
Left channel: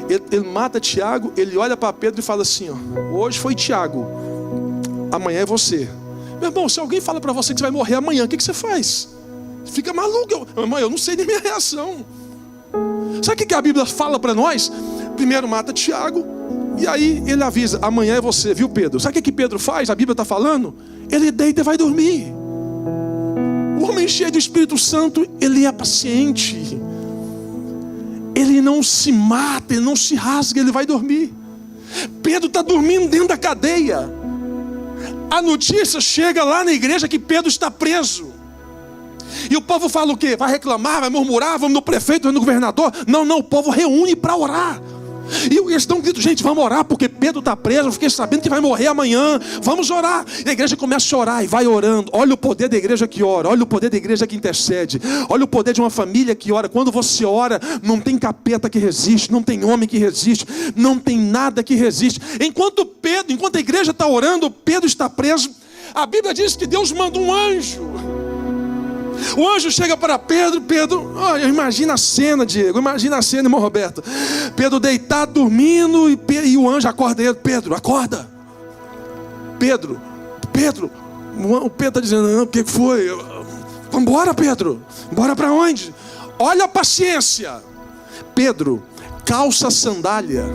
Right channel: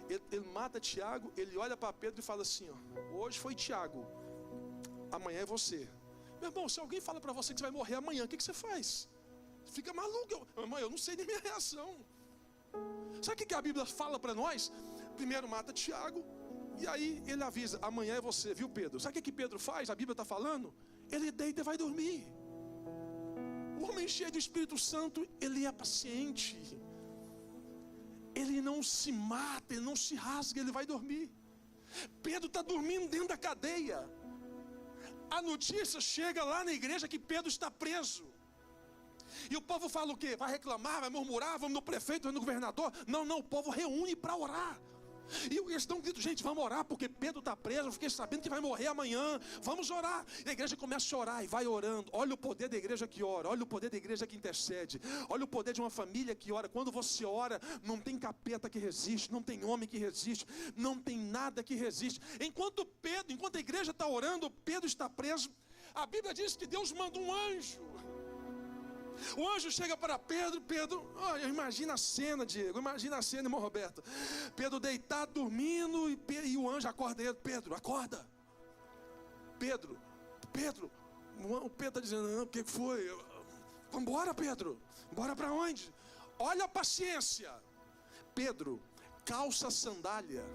Ele mata Tiago, ele olha para Pedro e fala assim, ó, hoje foi Tiago, amanhã é você. Meu irmão, se alguém fala para você que você vai morrer amanhã, o que você faz? Fica maluco. Meu irmão, eu não sei nem minha reação. Sabe o que a Bíblia fala para nós? Primeiro mata Tiago, e aí ele avisa, amanhã é você, viu Pedro? Sabe o que Pedro faz? A Bíblia está falando? Ele deita e vai dormir. O homem cheio do Espírito Santo, ele é paciente. Ele não se mata, ele não se rasga, ele vai dormir. Pedro está dormindo dentro da cadeia. A notícia chega lá na igreja que Pedro está preso. E o povo fala o quê? Vai reclamar, vai murmurar, vamos no prefeito, vamos no governador. Não, o povo reúne para orar. E eles estão gritando, gente, vamos orar, porque Pedro está preso, eu fiquei sabendo que vai morrer amanhã, vamos orar. E a igreja começa a orar e vai orando. Olha o poder da igreja que ora, olha o poder da igreja que intercede, olha o poder de uma família que ora. Quando você ora, não tem capeta que resiste, não tem homem que resiste, não tem nada que resiste. Enquanto a igreja está orando, Pedro está preso. A Bíblia diz que Deus manda um anjo. O anjo chega para Pedro, imagina a cena, Diego, imagina a cena, irmão Roberto. Pedro deitado, dormindo, e o anjo acorda ele. Pedro, acorda. Pedro, o Pedro está dizendo, não, o que foi? Vamos embora, Pedro, bora para onde? Olha a paciência. Pedro, calça a sandália.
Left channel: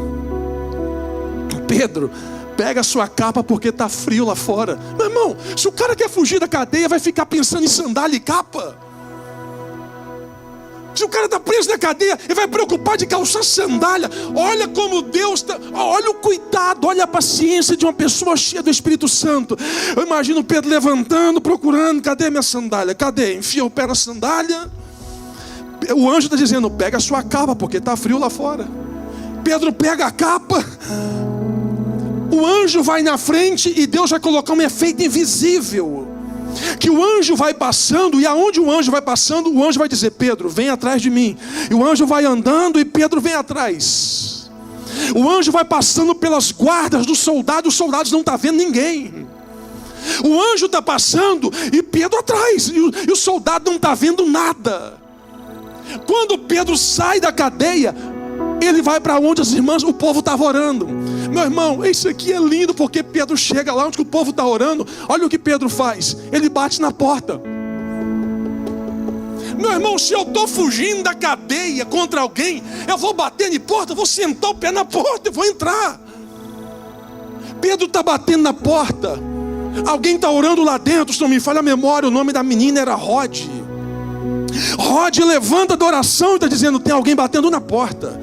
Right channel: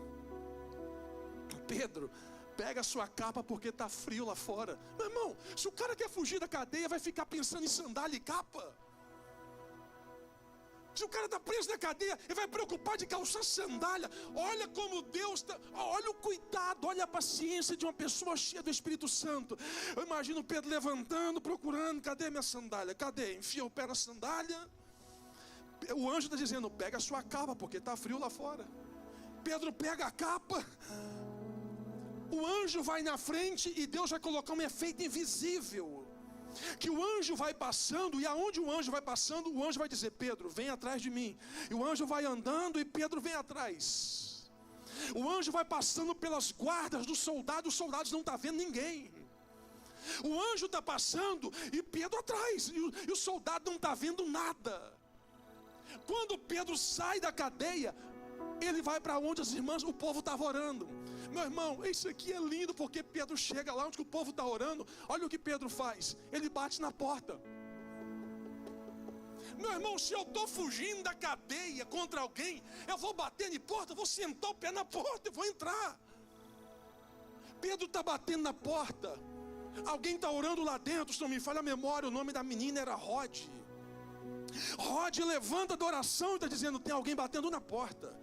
Pedro, pega a sua capa porque está frio lá fora. Meu irmão, se o cara quer fugir da cadeia, vai ficar pensando em sandália e capa. Se o cara está preso na cadeia, ele vai preocupar de calçar sandália. Olha como Deus está, olha o cuidado, olha a paciência de uma pessoa cheia do Espírito Santo. Eu imagino Pedro levantando, procurando, cadê minha sandália? Cadê? Enfia o pé na sandália. O anjo está dizendo, pega a sua capa porque está frio lá fora. Pedro pega a capa. O anjo vai na frente e Deus vai colocar um efeito invisível. Que o anjo vai passando, e aonde o anjo vai passando, o anjo vai dizer, Pedro, vem atrás de mim. E o anjo vai andando e Pedro vem atrás. O anjo vai passando pelas guardas dos soldados, os soldados não estão vendo ninguém. O anjo está passando e Pedro atrás, e o soldado não está vendo nada. Quando Pedro sai da cadeia, ele vai para onde as irmãs, o povo estava orando. Meu irmão, isso aqui é lindo, porque Pedro chega lá onde o povo está orando. Olha o que Pedro faz, ele bate na porta. Meu irmão, se eu estou fugindo da cadeia contra alguém, eu vou bater na porta, vou sentar o pé na porta e vou entrar. Pedro está batendo na porta. Alguém está orando lá dentro, se não me falha a memória, o nome da menina era Rod. Rod levanta da oração e está dizendo, tem alguém batendo na porta.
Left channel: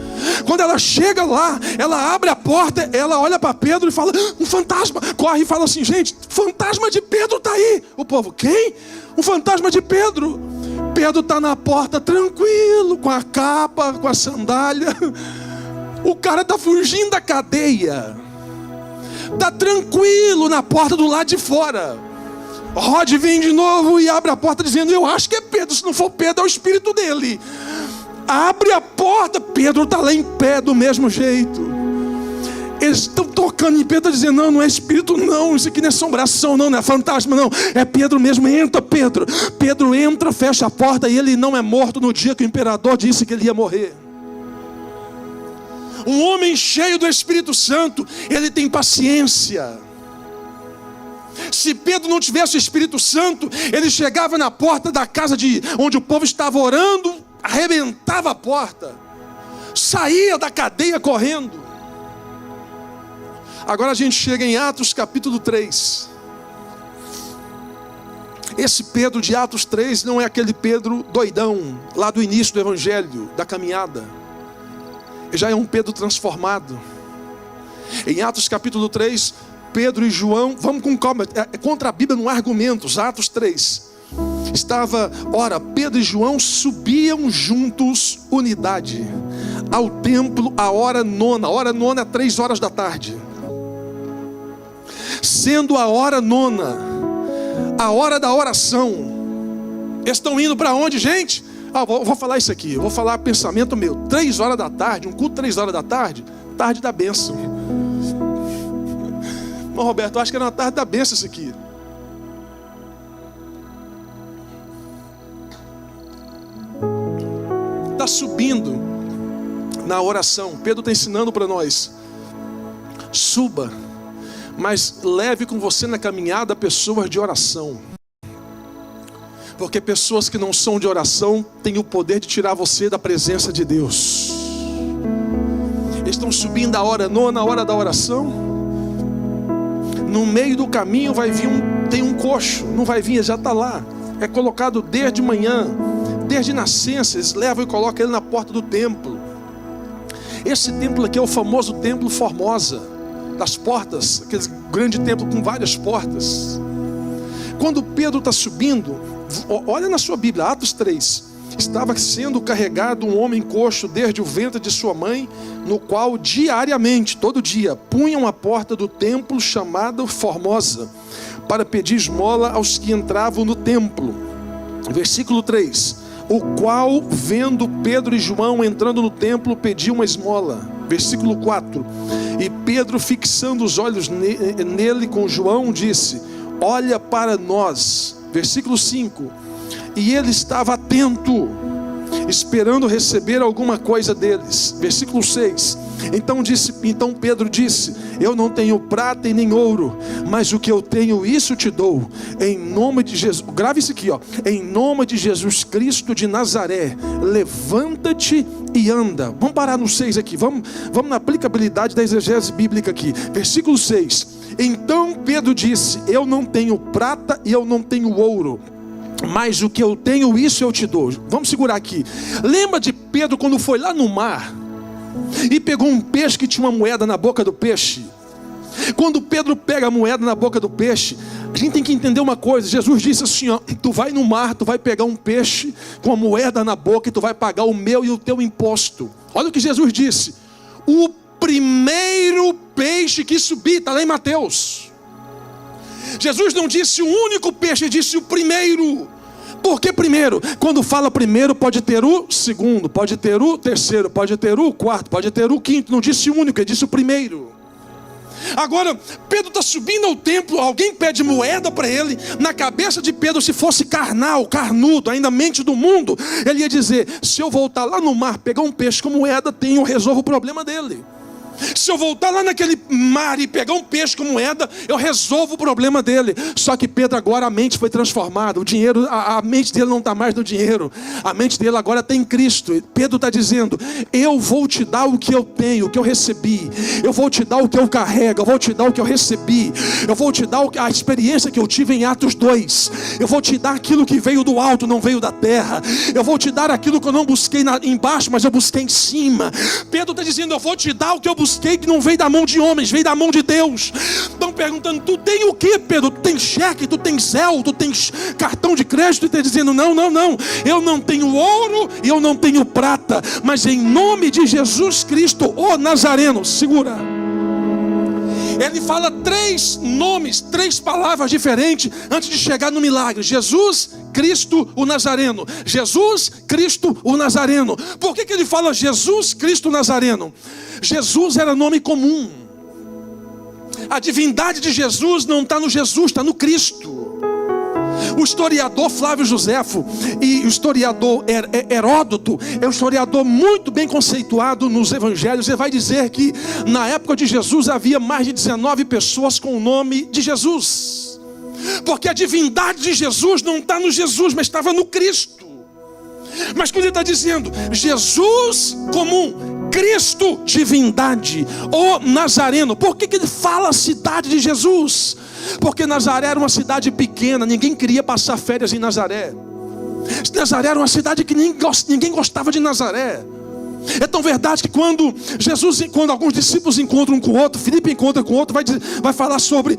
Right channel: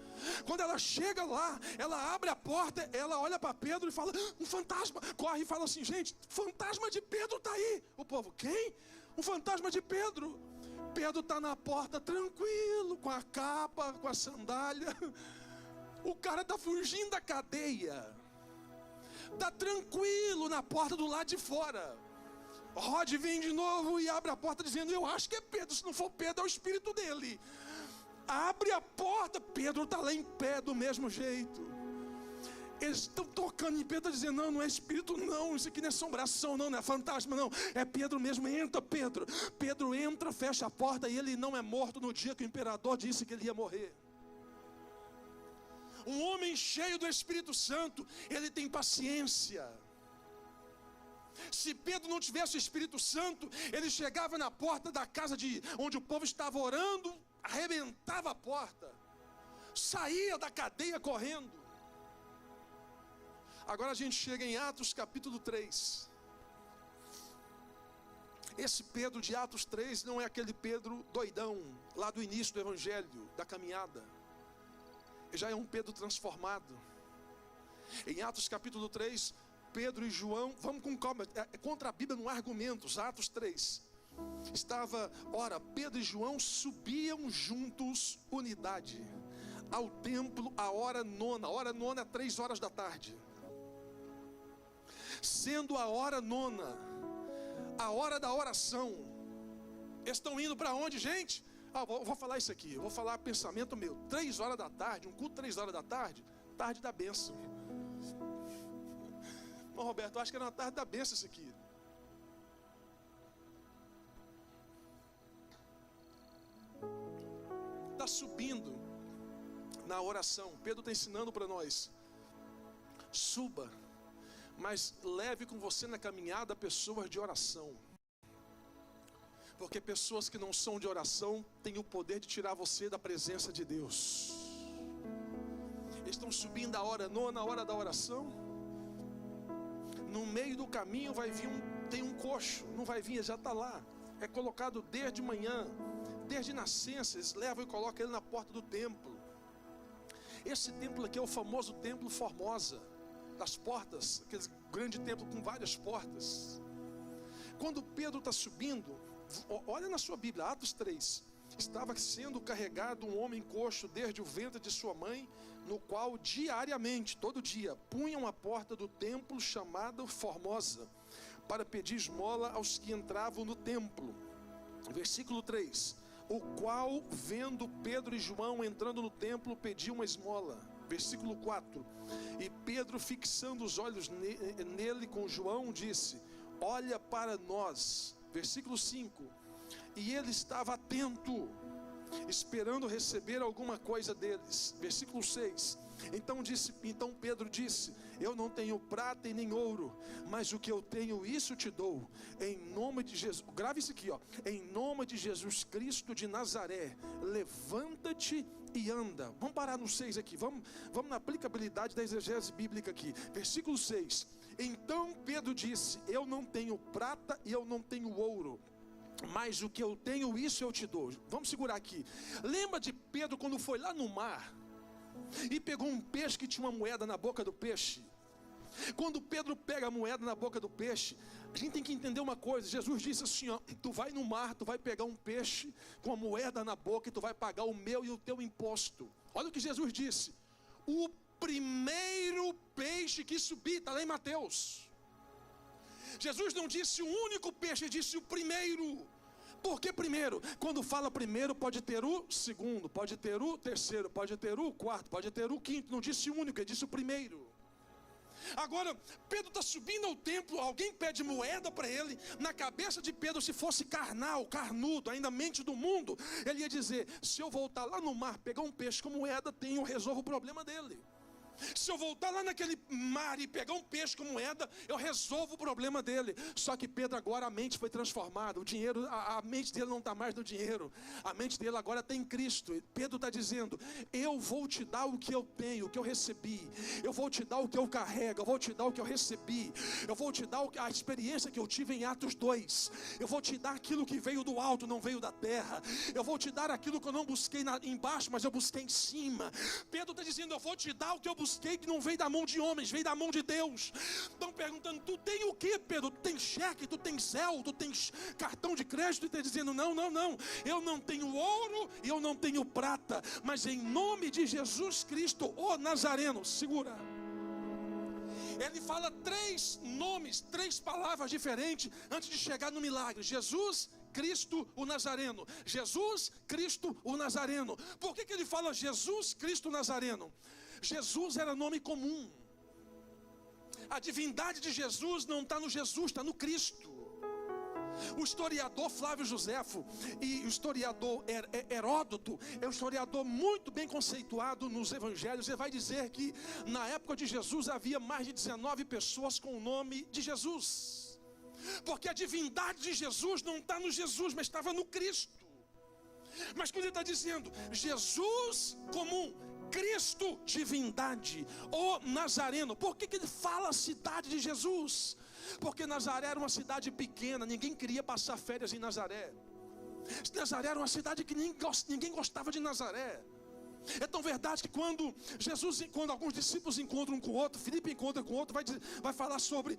Quando ela chega lá, ela abre a porta, ela olha para Pedro e fala, um fantasma. Corre e fala assim, gente, fantasma de Pedro está aí. O povo, quem? Um fantasma de Pedro. Pedro está na porta tranquilo, com a capa, com a sandália. O cara está fugindo da cadeia. Está tranquilo na porta do lado de fora. Rod vem de novo e abre a porta dizendo, eu acho que é Pedro, se não for Pedro é o espírito dele. Abre a porta, Pedro está lá em pé do mesmo jeito. Eles estão tocando em Pedro dizendo, não é espírito não, isso aqui não é assombração não é fantasma não, é Pedro mesmo, entra Pedro. Pedro entra, fecha a porta e ele não é morto no dia que o imperador disse que ele ia morrer. Um homem cheio do Espírito Santo, ele tem paciência. Se Pedro não tivesse o Espírito Santo, ele chegava na porta da casa onde o povo estava orando, arrebentava a porta, saía da cadeia correndo. Agora a gente chega em Atos capítulo 3. Esse Pedro de Atos 3 não é aquele Pedro doidão, lá do início do evangelho, da caminhada. Ele já é um Pedro transformado. Em Atos capítulo 3, Pedro e João, vamos com calma, contra a Bíblia não há argumentos. Atos 3, Pedro e João subiam juntos, unidade, ao templo, a hora nona é 3 horas da tarde. Sendo a hora nona, a hora da oração. Eles estão indo para onde, gente? Vou falar isso aqui, vou falar pensamento meu. 3 horas da tarde, um culto 3 horas da tarde, tarde da bênção. Irmão Roberto, eu acho que era uma tarde da bênção isso aqui. Está subindo na oração. Pedro está ensinando para nós: suba, mas leve com você na caminhada pessoas de oração. Porque pessoas que não são de oração têm o poder de tirar você da presença de Deus. Eles estão subindo a hora nona, a hora da oração. No meio do caminho vai vir tem um coxo, não vai vir, já está lá. É colocado desde manhã, desde nascença, eles levam e colocam ele na porta do templo. Esse templo aqui é o famoso templo Formosa, das portas, aquele grande templo com várias portas. Quando Pedro está subindo, olha na sua Bíblia, Atos 3. Estava sendo carregado um homem coxo desde o ventre de sua mãe, no qual diariamente, todo dia, punham a porta do templo chamada Formosa, para pedir esmola aos que entravam no templo. Versículo 3. O qual, vendo Pedro e João entrando no templo, pediu uma esmola. Versículo 4. E Pedro, fixando os olhos nele com João, disse: olha para nós. Versículo 5. E ele estava atento, esperando receber alguma coisa deles. Versículo 6. Então Pedro disse: eu não tenho prata e nem ouro, mas o que eu tenho, isso te dou. Em nome de Jesus, grave isso aqui, em nome de Jesus Cristo de Nazaré, levanta-te e anda. Vamos parar no 6 aqui, vamos na aplicabilidade da exegese bíblica aqui. Versículo 6. Então Pedro disse: eu não tenho prata e eu não tenho ouro, mas o que eu tenho, isso eu te dou. Vamos segurar aqui. Lembra de Pedro quando foi lá no mar e pegou um peixe que tinha uma moeda na boca do peixe? Quando Pedro pega a moeda na boca do peixe, a gente tem que entender uma coisa. Jesus disse assim, tu vai no mar, tu vai pegar um peixe com a moeda na boca e tu vai pagar o meu e o teu imposto. Olha o que Jesus disse: o primeiro peixe que subir, está lá em Mateus. Jesus não disse o único peixe, disse o primeiro. Por que primeiro? Quando fala primeiro, pode ter o segundo, pode ter o terceiro, pode ter o quarto, pode ter o quinto. Não disse o único, ele disse o primeiro. Agora, Pedro está subindo ao templo, alguém pede moeda para ele. Na cabeça de Pedro, se fosse carnal, carnudo, ainda mente do mundo, ele ia dizer: se eu voltar lá no mar, pegar um peixe com moeda, eu resolvo o problema dele. Se eu voltar lá naquele mar e pegar um peixe com moeda, eu resolvo o problema dele. Só que Pedro agora, a mente foi transformada. O dinheiro, a mente dele não está mais no dinheiro. A mente dele agora está em Cristo. Pedro está dizendo: eu vou te dar o que eu tenho, o que eu recebi. Eu vou te dar o que eu carrego. Eu vou te dar o que eu recebi. Eu vou te dar a experiência que eu tive em Atos 2. Eu vou te dar aquilo que veio do alto, não veio da terra. Eu vou te dar aquilo que eu não busquei embaixo, mas eu busquei em cima. Pedro está dizendo: eu vou te dar o que eu busquei, que não veio da mão de homens, veio da mão de Deus. Estão perguntando: tu tem o que, Pedro? Tu tem cheque, tu tem Zelle, tu tem cartão de crédito? E está dizendo: não, eu não tenho ouro e eu não tenho prata, mas em nome de Jesus Cristo, o Nazareno. Segura. Ele fala 3 nomes, 3 palavras diferentes antes de chegar no milagre: Jesus Cristo o Nazareno. Jesus Cristo o Nazareno. Por que ele fala Jesus Cristo o Nazareno? Jesus era nome comum. A divindade de Jesus não está no Jesus, está no Cristo. O historiador Flávio Joséfo e o historiador Heródoto é um historiador muito bem conceituado nos evangelhos. Ele vai dizer que na época de Jesus havia mais de 19 pessoas com o nome de Jesus, porque a divindade de Jesus não está no Jesus, mas estava no Cristo. Mas quando ele está dizendo Jesus comum, Cristo divindade, o Nazareno, por que ele fala a cidade de Jesus? Porque Nazaré era uma cidade pequena, ninguém queria passar férias em Nazaré. Nazaré era uma cidade que ninguém gostava de Nazaré. É tão verdade que quando alguns discípulos encontram um com o outro, Filipe encontra com o outro, vai falar sobre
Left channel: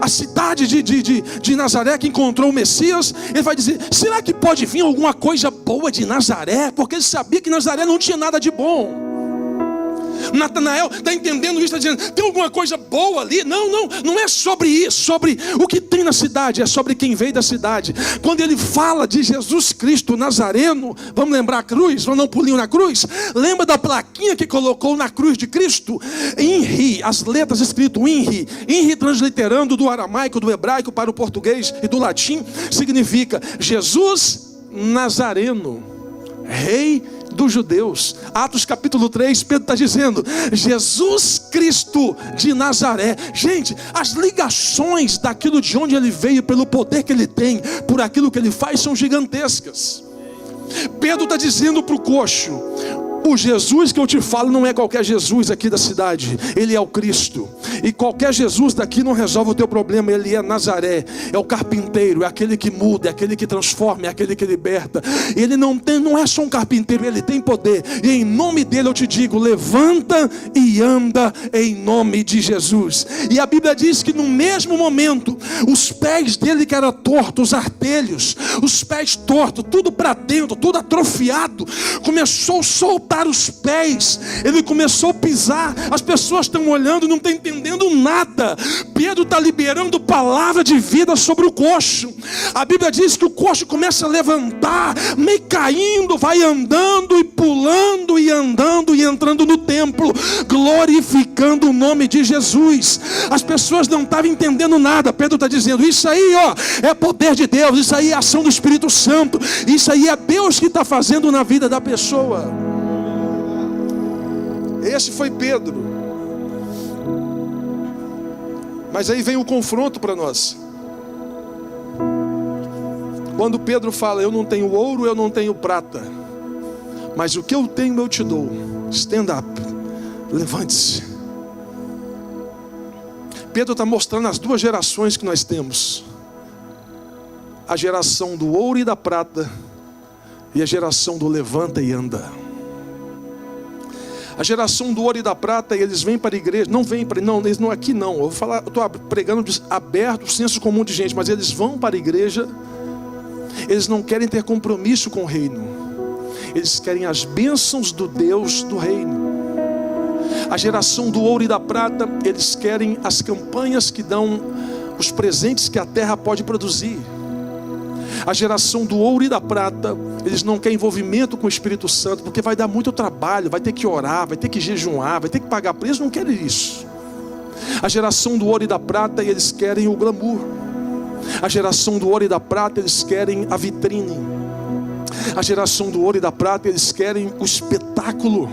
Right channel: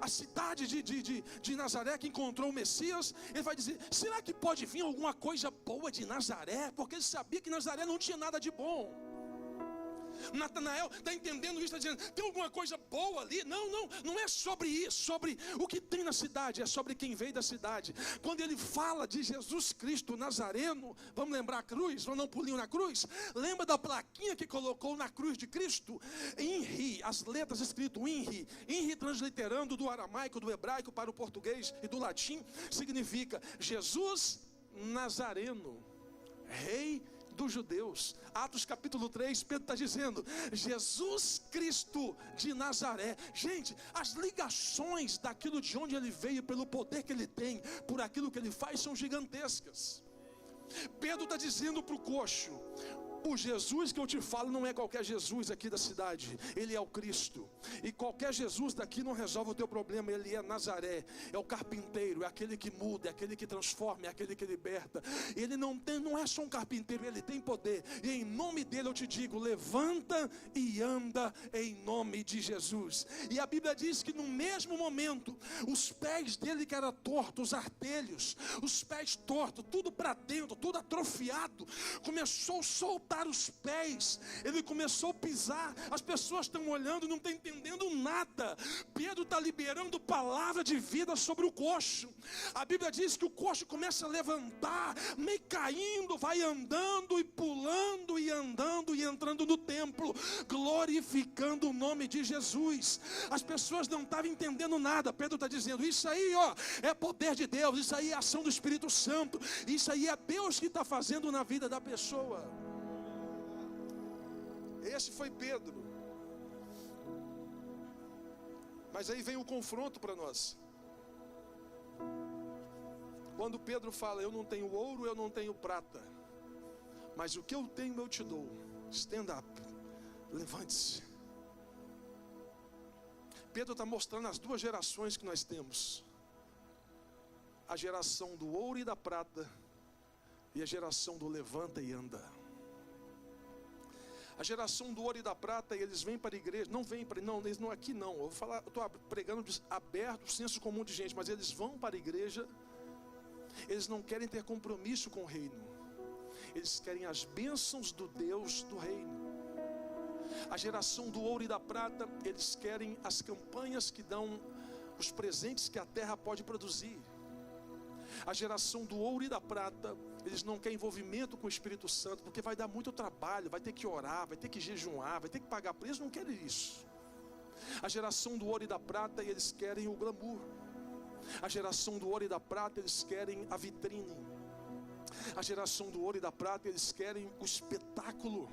a cidade de Nazaré que encontrou o Messias. Ele vai dizer: será que pode vir alguma coisa boa de Nazaré? Porque ele sabia que Nazaré não tinha nada de bom. Natanael está entendendo isso, está dizendo: tem alguma coisa boa ali? Não é sobre isso, sobre o que tem na cidade, é sobre quem veio da cidade. Quando ele fala de Jesus Cristo Nazareno, vamos lembrar a cruz, vamos dar um pulinho na cruz. Lembra da plaquinha que colocou na cruz de Cristo? INRI, as letras escritas INRI transliterando do aramaico, do hebraico para o português e do latim, significa Jesus Nazareno, Rei dos judeus. Atos capítulo 3, Pedro está dizendo: Jesus Cristo de Nazaré. Gente, as ligações daquilo de onde ele veio, pelo poder que ele tem, por aquilo que ele faz, são gigantescas. Pedro está dizendo para o coxo: o Jesus que eu te falo não é qualquer Jesus aqui da cidade, ele é o Cristo. E qualquer Jesus daqui não resolve o teu problema. Ele é Nazaré, é o carpinteiro, é aquele que muda, é aquele que transforma, é aquele que liberta. Ele não é só um carpinteiro, ele tem poder. E em nome dele eu te digo: levanta e anda em nome de Jesus. E a Bíblia diz que no mesmo momento, os pés dele que eram tortos, os artelhos, os pés tortos, tudo para dentro, tudo atrofiado, começou a soltar os pés. Ele começou a pisar. As pessoas estão olhando, não estão entendendo nada. Pedro está liberando palavra de vida sobre o coxo. A Bíblia diz que o coxo começa a levantar, meio caindo, vai andando e pulando e andando e entrando no templo, glorificando o nome de Jesus. As pessoas não estavam entendendo nada. Pedro está dizendo: isso aí, é poder de Deus, isso aí é ação do Espírito Santo, isso aí é Deus que está fazendo na vida da pessoa. Esse foi Pedro. Mas aí vem o confronto para nós. Quando Pedro fala: eu não tenho ouro, eu não tenho prata, mas o que eu tenho eu te dou. Stand up, levante-se. Pedro está mostrando as duas gerações que nós temos: a geração do ouro e da prata, e a geração do levanta e anda. A geração do ouro e da prata, eles vêm para a igreja, eles não aqui não. Eu estou pregando aberto o senso comum de gente, mas eles vão para a igreja, eles não querem ter compromisso com o reino, eles querem as bênçãos do Deus do reino. A geração do ouro e da prata, eles querem as campanhas que dão os presentes que a terra pode produzir. A geração do ouro e da prata, eles não querem envolvimento com o Espírito Santo, porque vai dar muito trabalho, vai ter que orar, vai ter que jejuar, vai ter que pagar preço. Eles não querem isso. A geração do ouro e da prata, eles querem o glamour. A geração do ouro e da prata, eles querem a vitrine. A geração do ouro e da prata, eles querem o espetáculo.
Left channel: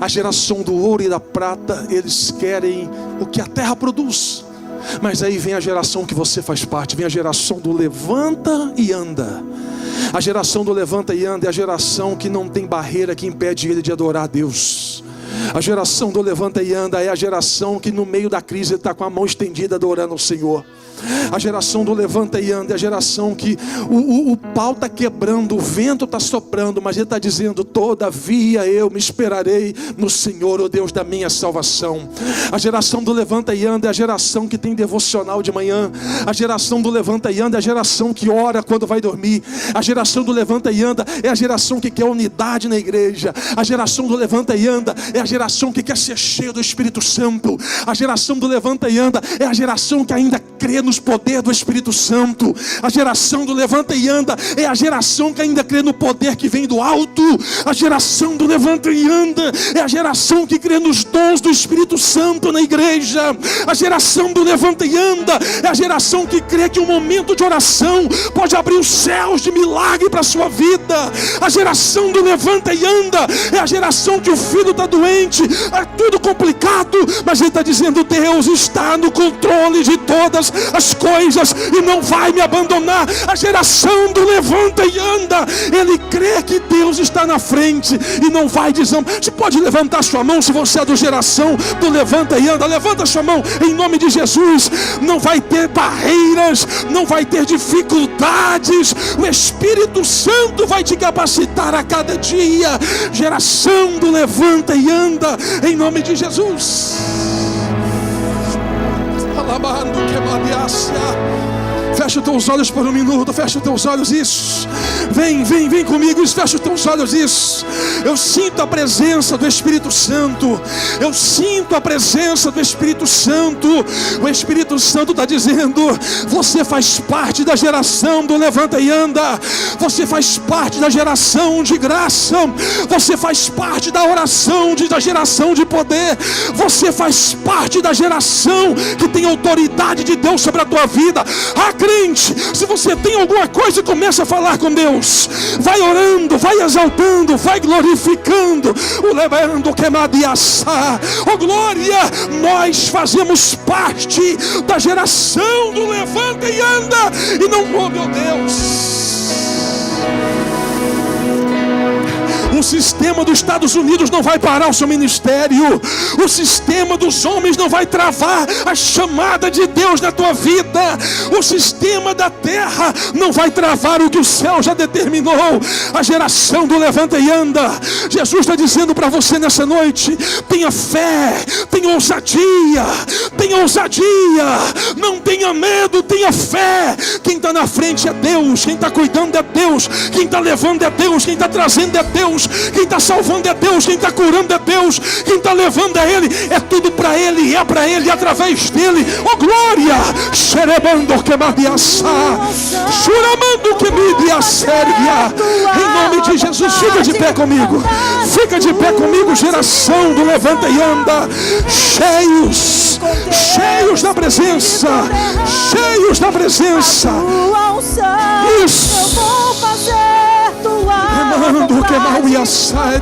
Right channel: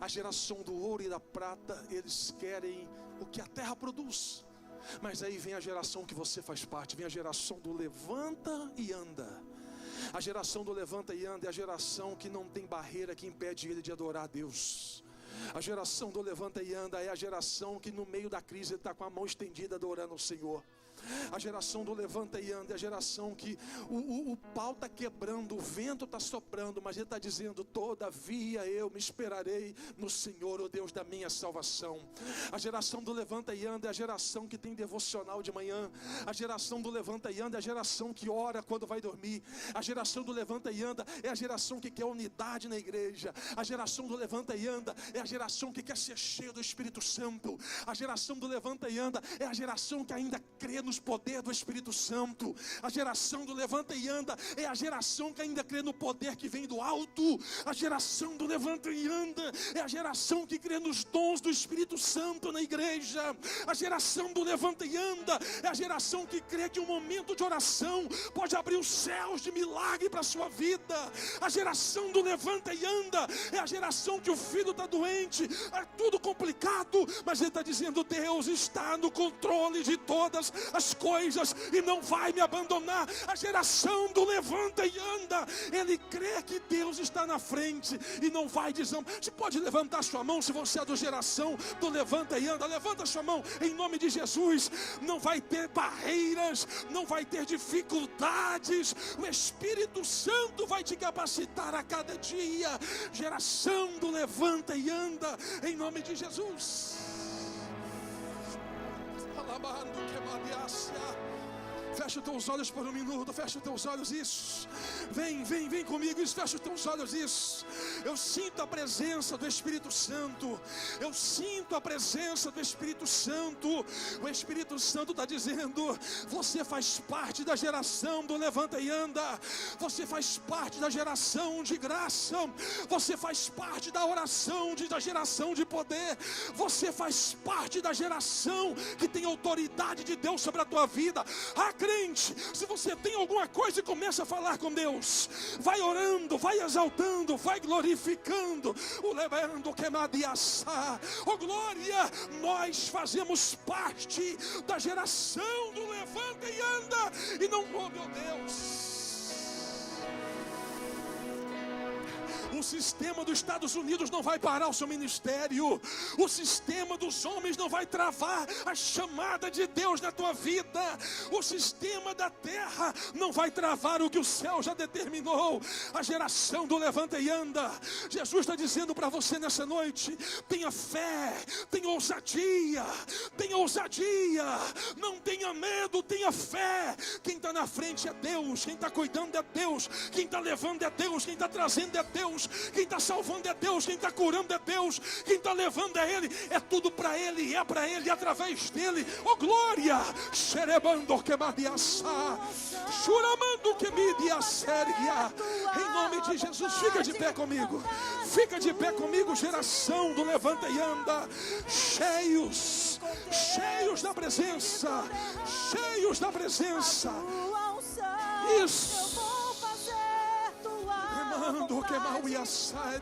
A geração do ouro e da prata, eles querem o que a terra produz. Mas aí vem a geração que você faz parte, vem a geração do levanta e anda. A geração do levanta e anda é a geração que não tem barreira que impede ele de adorar a Deus. A geração do levanta e anda é a geração que no meio da crise está com a mão estendida adorando o Senhor. A geração do levanta e anda é a geração que o pau está quebrando, o vento está soprando, mas ele está dizendo: todavia eu me esperarei no Senhor, o Deus da minha salvação. A geração do levanta e anda é a geração que tem devocional de manhã. A geração do levanta e anda é a geração que ora quando vai dormir. A geração do levanta e anda é a geração que quer unidade na igreja. A geração do levanta e anda é a geração que quer ser cheio do Espírito Santo. A geração do levanta e anda é a geração que ainda crê nos poderes do Espírito Santo. A geração do levanta e anda é a geração que ainda crê no poder que vem do alto. A geração do levanta e anda é a geração que crê nos dons do Espírito Santo na igreja. A geração do levanta e anda é a geração que crê que um momento de oração pode abrir os céus de milagre para a sua vida. A geração do levanta e anda é a geração que o filho está doente, é tudo complicado, mas ele está dizendo: Deus está no controle de todas as coisas e não vai me abandonar. A geração do levanta e anda, ele crê que Deus está na frente e não vai desamparar. Você pode levantar sua mão se você é da geração do levanta e anda. Levanta sua mão em nome de Jesus. Não vai ter barreiras, não vai ter dificuldades. O Espírito Santo vai te capacitar a cada dia. Geração do levanta e anda em nome de Jesus. Fecha os teus olhos por um minuto. Fecha os teus olhos, isso. Vem comigo, isso. Fecha os teus olhos, isso. Eu sinto a presença do Espírito Santo. Eu sinto a presença do Espírito Santo. O Espírito Santo está dizendo: você faz parte da geração do levanta e anda. Você faz parte da geração de graça. Você faz parte da oração da geração de poder. Você faz parte da geração que tem autoridade de Deus sobre a tua vida. Acredita crente, se você tem alguma coisa, começa a falar com Deus. Vai orando, vai exaltando, vai glorificando. O levando queimado e assar. Oh glória, nós fazemos parte da geração do levanta e anda. E não, oh meu Deus. O sistema dos Estados Unidos não vai parar o seu ministério. O sistema dos homens não vai travar a chamada de Deus na tua vida. O sistema da terra não vai travar o que o céu já determinou. A geração do levanta e anda. Jesus está dizendo para você nessa noite: tenha fé, tenha ousadia, tenha ousadia. Não tenha medo, tenha fé. Quem está na frente é Deus. Quem está cuidando é Deus. Quem está levando é Deus. Quem está trazendo é Deus. Quem está salvando é Deus, quem está curando é Deus, quem está levando é Ele, é tudo para Ele, é para Ele, através dEle. Oh glória! Xerebando que madiaçá, churamando que midiasséria. Em nome de Jesus, fica de pé comigo, fica de pé comigo, geração do levanta e anda, cheios, cheios da presença, cheios da presença. Isso. Queimando, queimar e assar.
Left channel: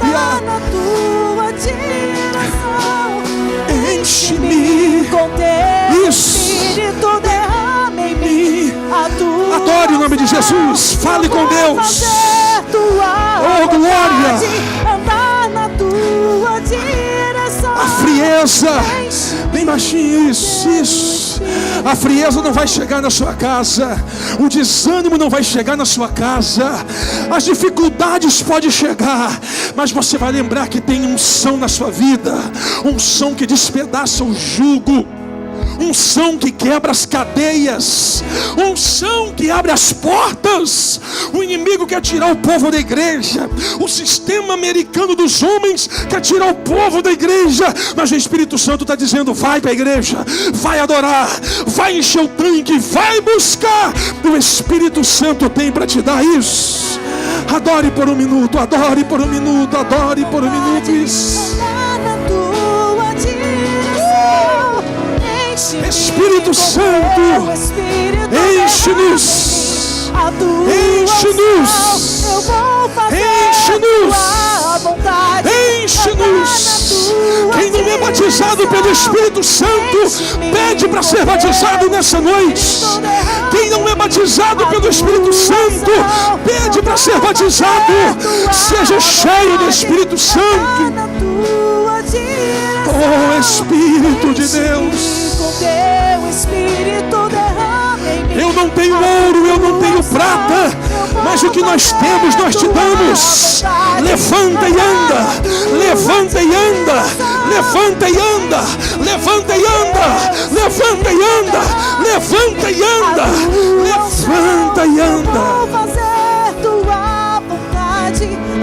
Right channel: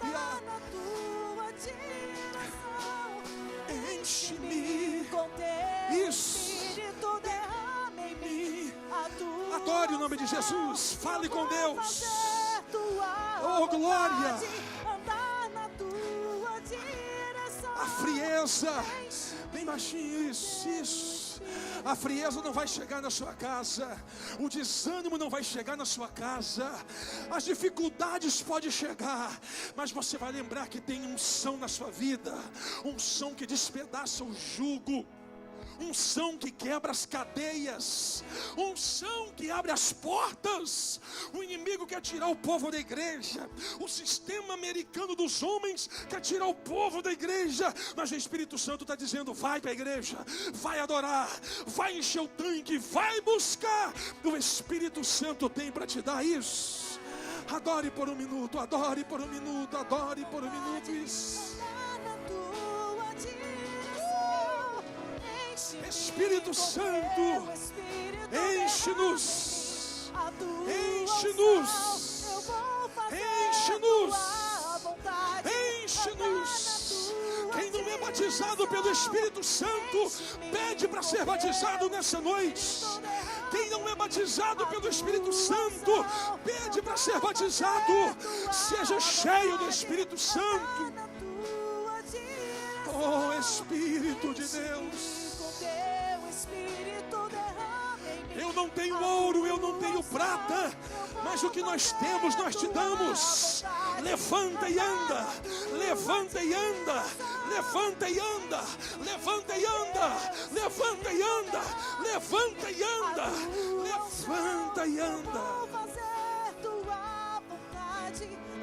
Enche-me com teu Espírito, derrame em mim. Adore o nome de Jesus. Fale com Deus. Oh glória. Andar na tua direção. A frieza. Bem baixinho, isso. A frieza não vai chegar na sua casa. O desânimo não vai chegar na sua casa. As dificuldades podem chegar, mas você vai lembrar que tem unção na sua vida. Unção que despedaça o jugo. Unção que quebra as cadeias. Unção que abre as portas. O inimigo quer tirar o povo da igreja. O sistema americano dos homens quer tirar o povo da igreja. Mas o Espírito Santo está dizendo: vai para a igreja, vai adorar, vai encher o tanque, vai buscar. O Espírito Santo tem para te dar isso. Adore por um minuto, adore por um minuto, adore por um minuto. Isso. Espírito Santo, enche-nos, enche-nos, enche-nos, enche-nos. Quem não é batizado pelo Espírito Santo, pede para ser batizado nessa noite. Quem não é batizado pelo Espírito Santo, pede para ser batizado. Seja cheio do Espírito Santo. Oh Espírito de Deus, eu não tenho ouro, eu não tenho prata, mas o que nós temos nós te damos. Levanta e anda, levanta e anda, levanta e anda, levanta e anda, levanta e anda, levanta e anda, levanta e anda.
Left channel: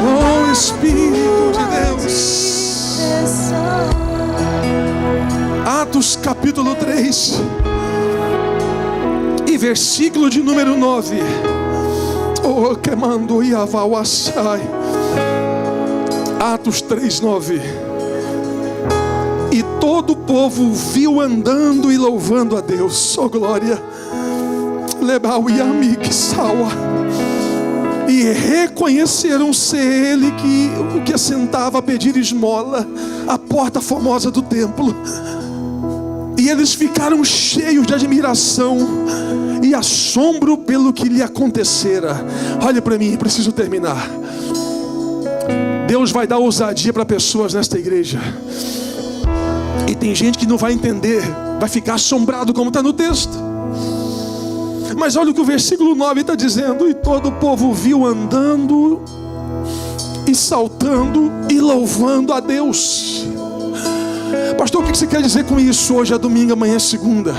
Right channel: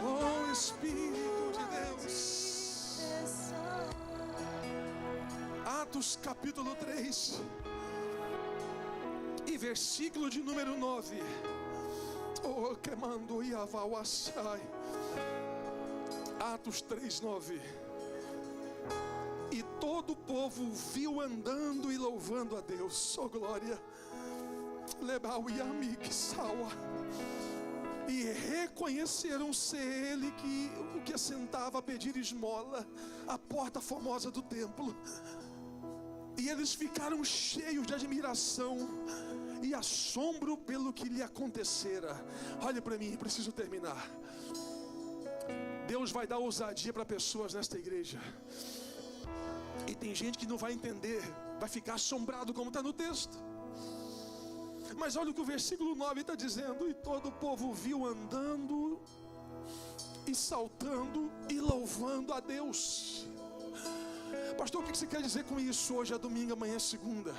Oh Espírito de Deus. Atos capítulo 3 e versículo de número 9. Oh, queimando e avauaçai. Atos 3:9. E todo o povo viu andando e louvando a Deus. Oh glória. Lebau e amique saua. E reconheceram ser ele que assentava a pedir esmola à porta formosa do templo. E eles ficaram cheios de admiração e assombro pelo que lhe acontecera. Olha para mim, preciso terminar. Deus vai dar ousadia para pessoas nesta igreja. E tem gente que não vai entender, vai ficar assombrado como está no texto. Mas olha o que o versículo 9 está dizendo. E todo o povo viu andando e saltando e louvando a Deus. Pastor, o que você quer dizer com isso? Hoje é domingo, amanhã é segunda.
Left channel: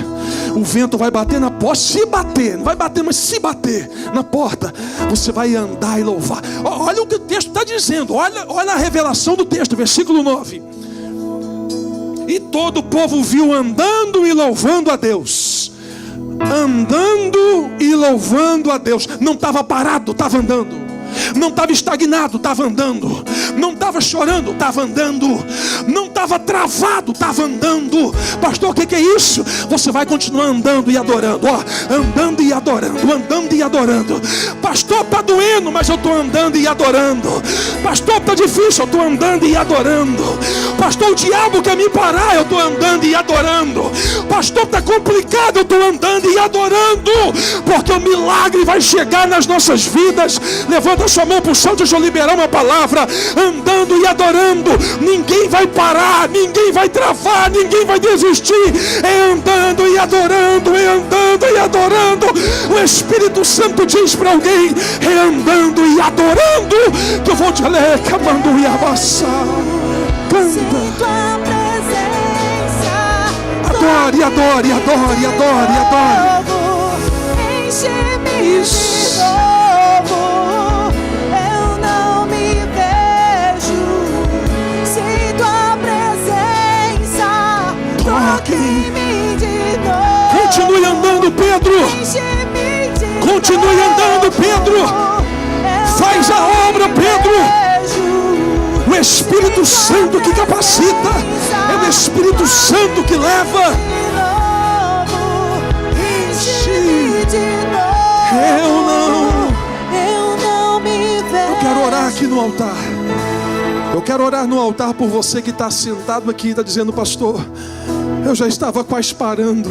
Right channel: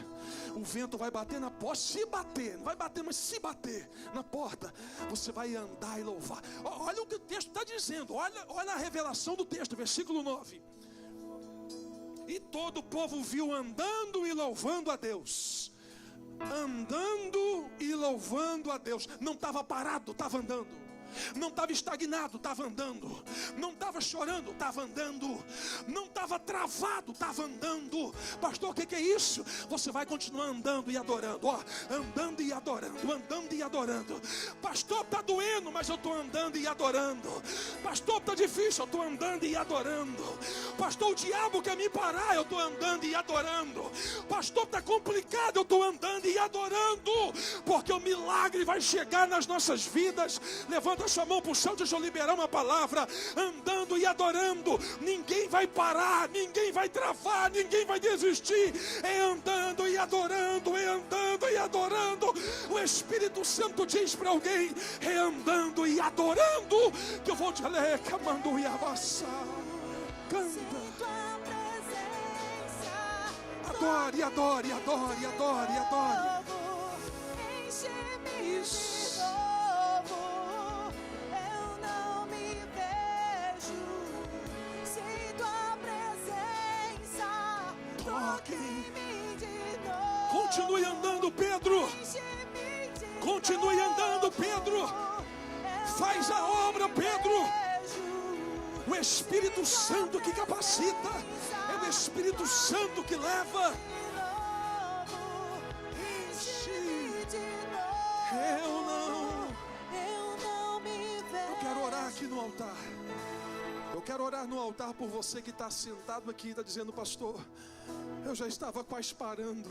O vento vai bater na porta. Se bater, não vai bater, mas se bater na porta, você vai andar e louvar. Olha o que o texto está dizendo. Olha a revelação do texto, versículo 9. E todo o povo viu andando e louvando a Deus. Andando e louvando a Deus. Não estava parado, estava andando. Não estava estagnado, estava andando. Não estava chorando, estava andando. Não estava travado, estava andando. Pastor, o que é isso? Você vai continuar andando e adorando. Ó, andando e adorando, andando e adorando. Pastor, está doendo, mas eu estou andando e adorando. Pastor, está difícil, eu estou andando e adorando. Pastor, o diabo quer me parar, eu estou andando e adorando. Pastor, está complicado, eu estou andando e adorando. Porque o milagre vai chegar nas nossas vidas. Levanta a sua mão para o céu, deixa eu liberar uma palavra. Andando e adorando. Ninguém vai parar, ninguém vai travar, ninguém vai desistir. É andando e adorando, é andando e adorando. O Espírito Santo diz para alguém: é andando e adorando que eu vou te ler, camando e abaçar. Canta. Adore, adore, adore, adore, adore. Enche-me de novo. Eu não me vejo sem tua presença. Toque em mim de novo. Continue andando, Pedro. Enche-me de Continue andando, Pedro. Faz a obra, Pedro. O Espírito Santo que capacita. É o Espírito Santo que leva. Eu não me vejo. Eu quero orar aqui no altar. Eu quero orar no altar por você que está sentado aqui e está dizendo: pastor, eu já estava quase parando,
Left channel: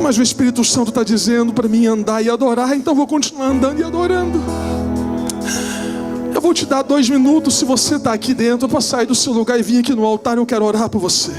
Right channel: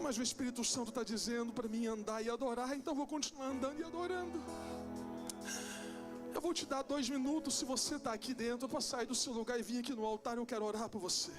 mas o Espírito Santo está dizendo para mim andar e adorar, então vou continuar andando e adorando. Eu vou te dar 2 minutos, se você está aqui dentro, para sair do seu lugar e vir aqui no altar. Eu quero orar por você.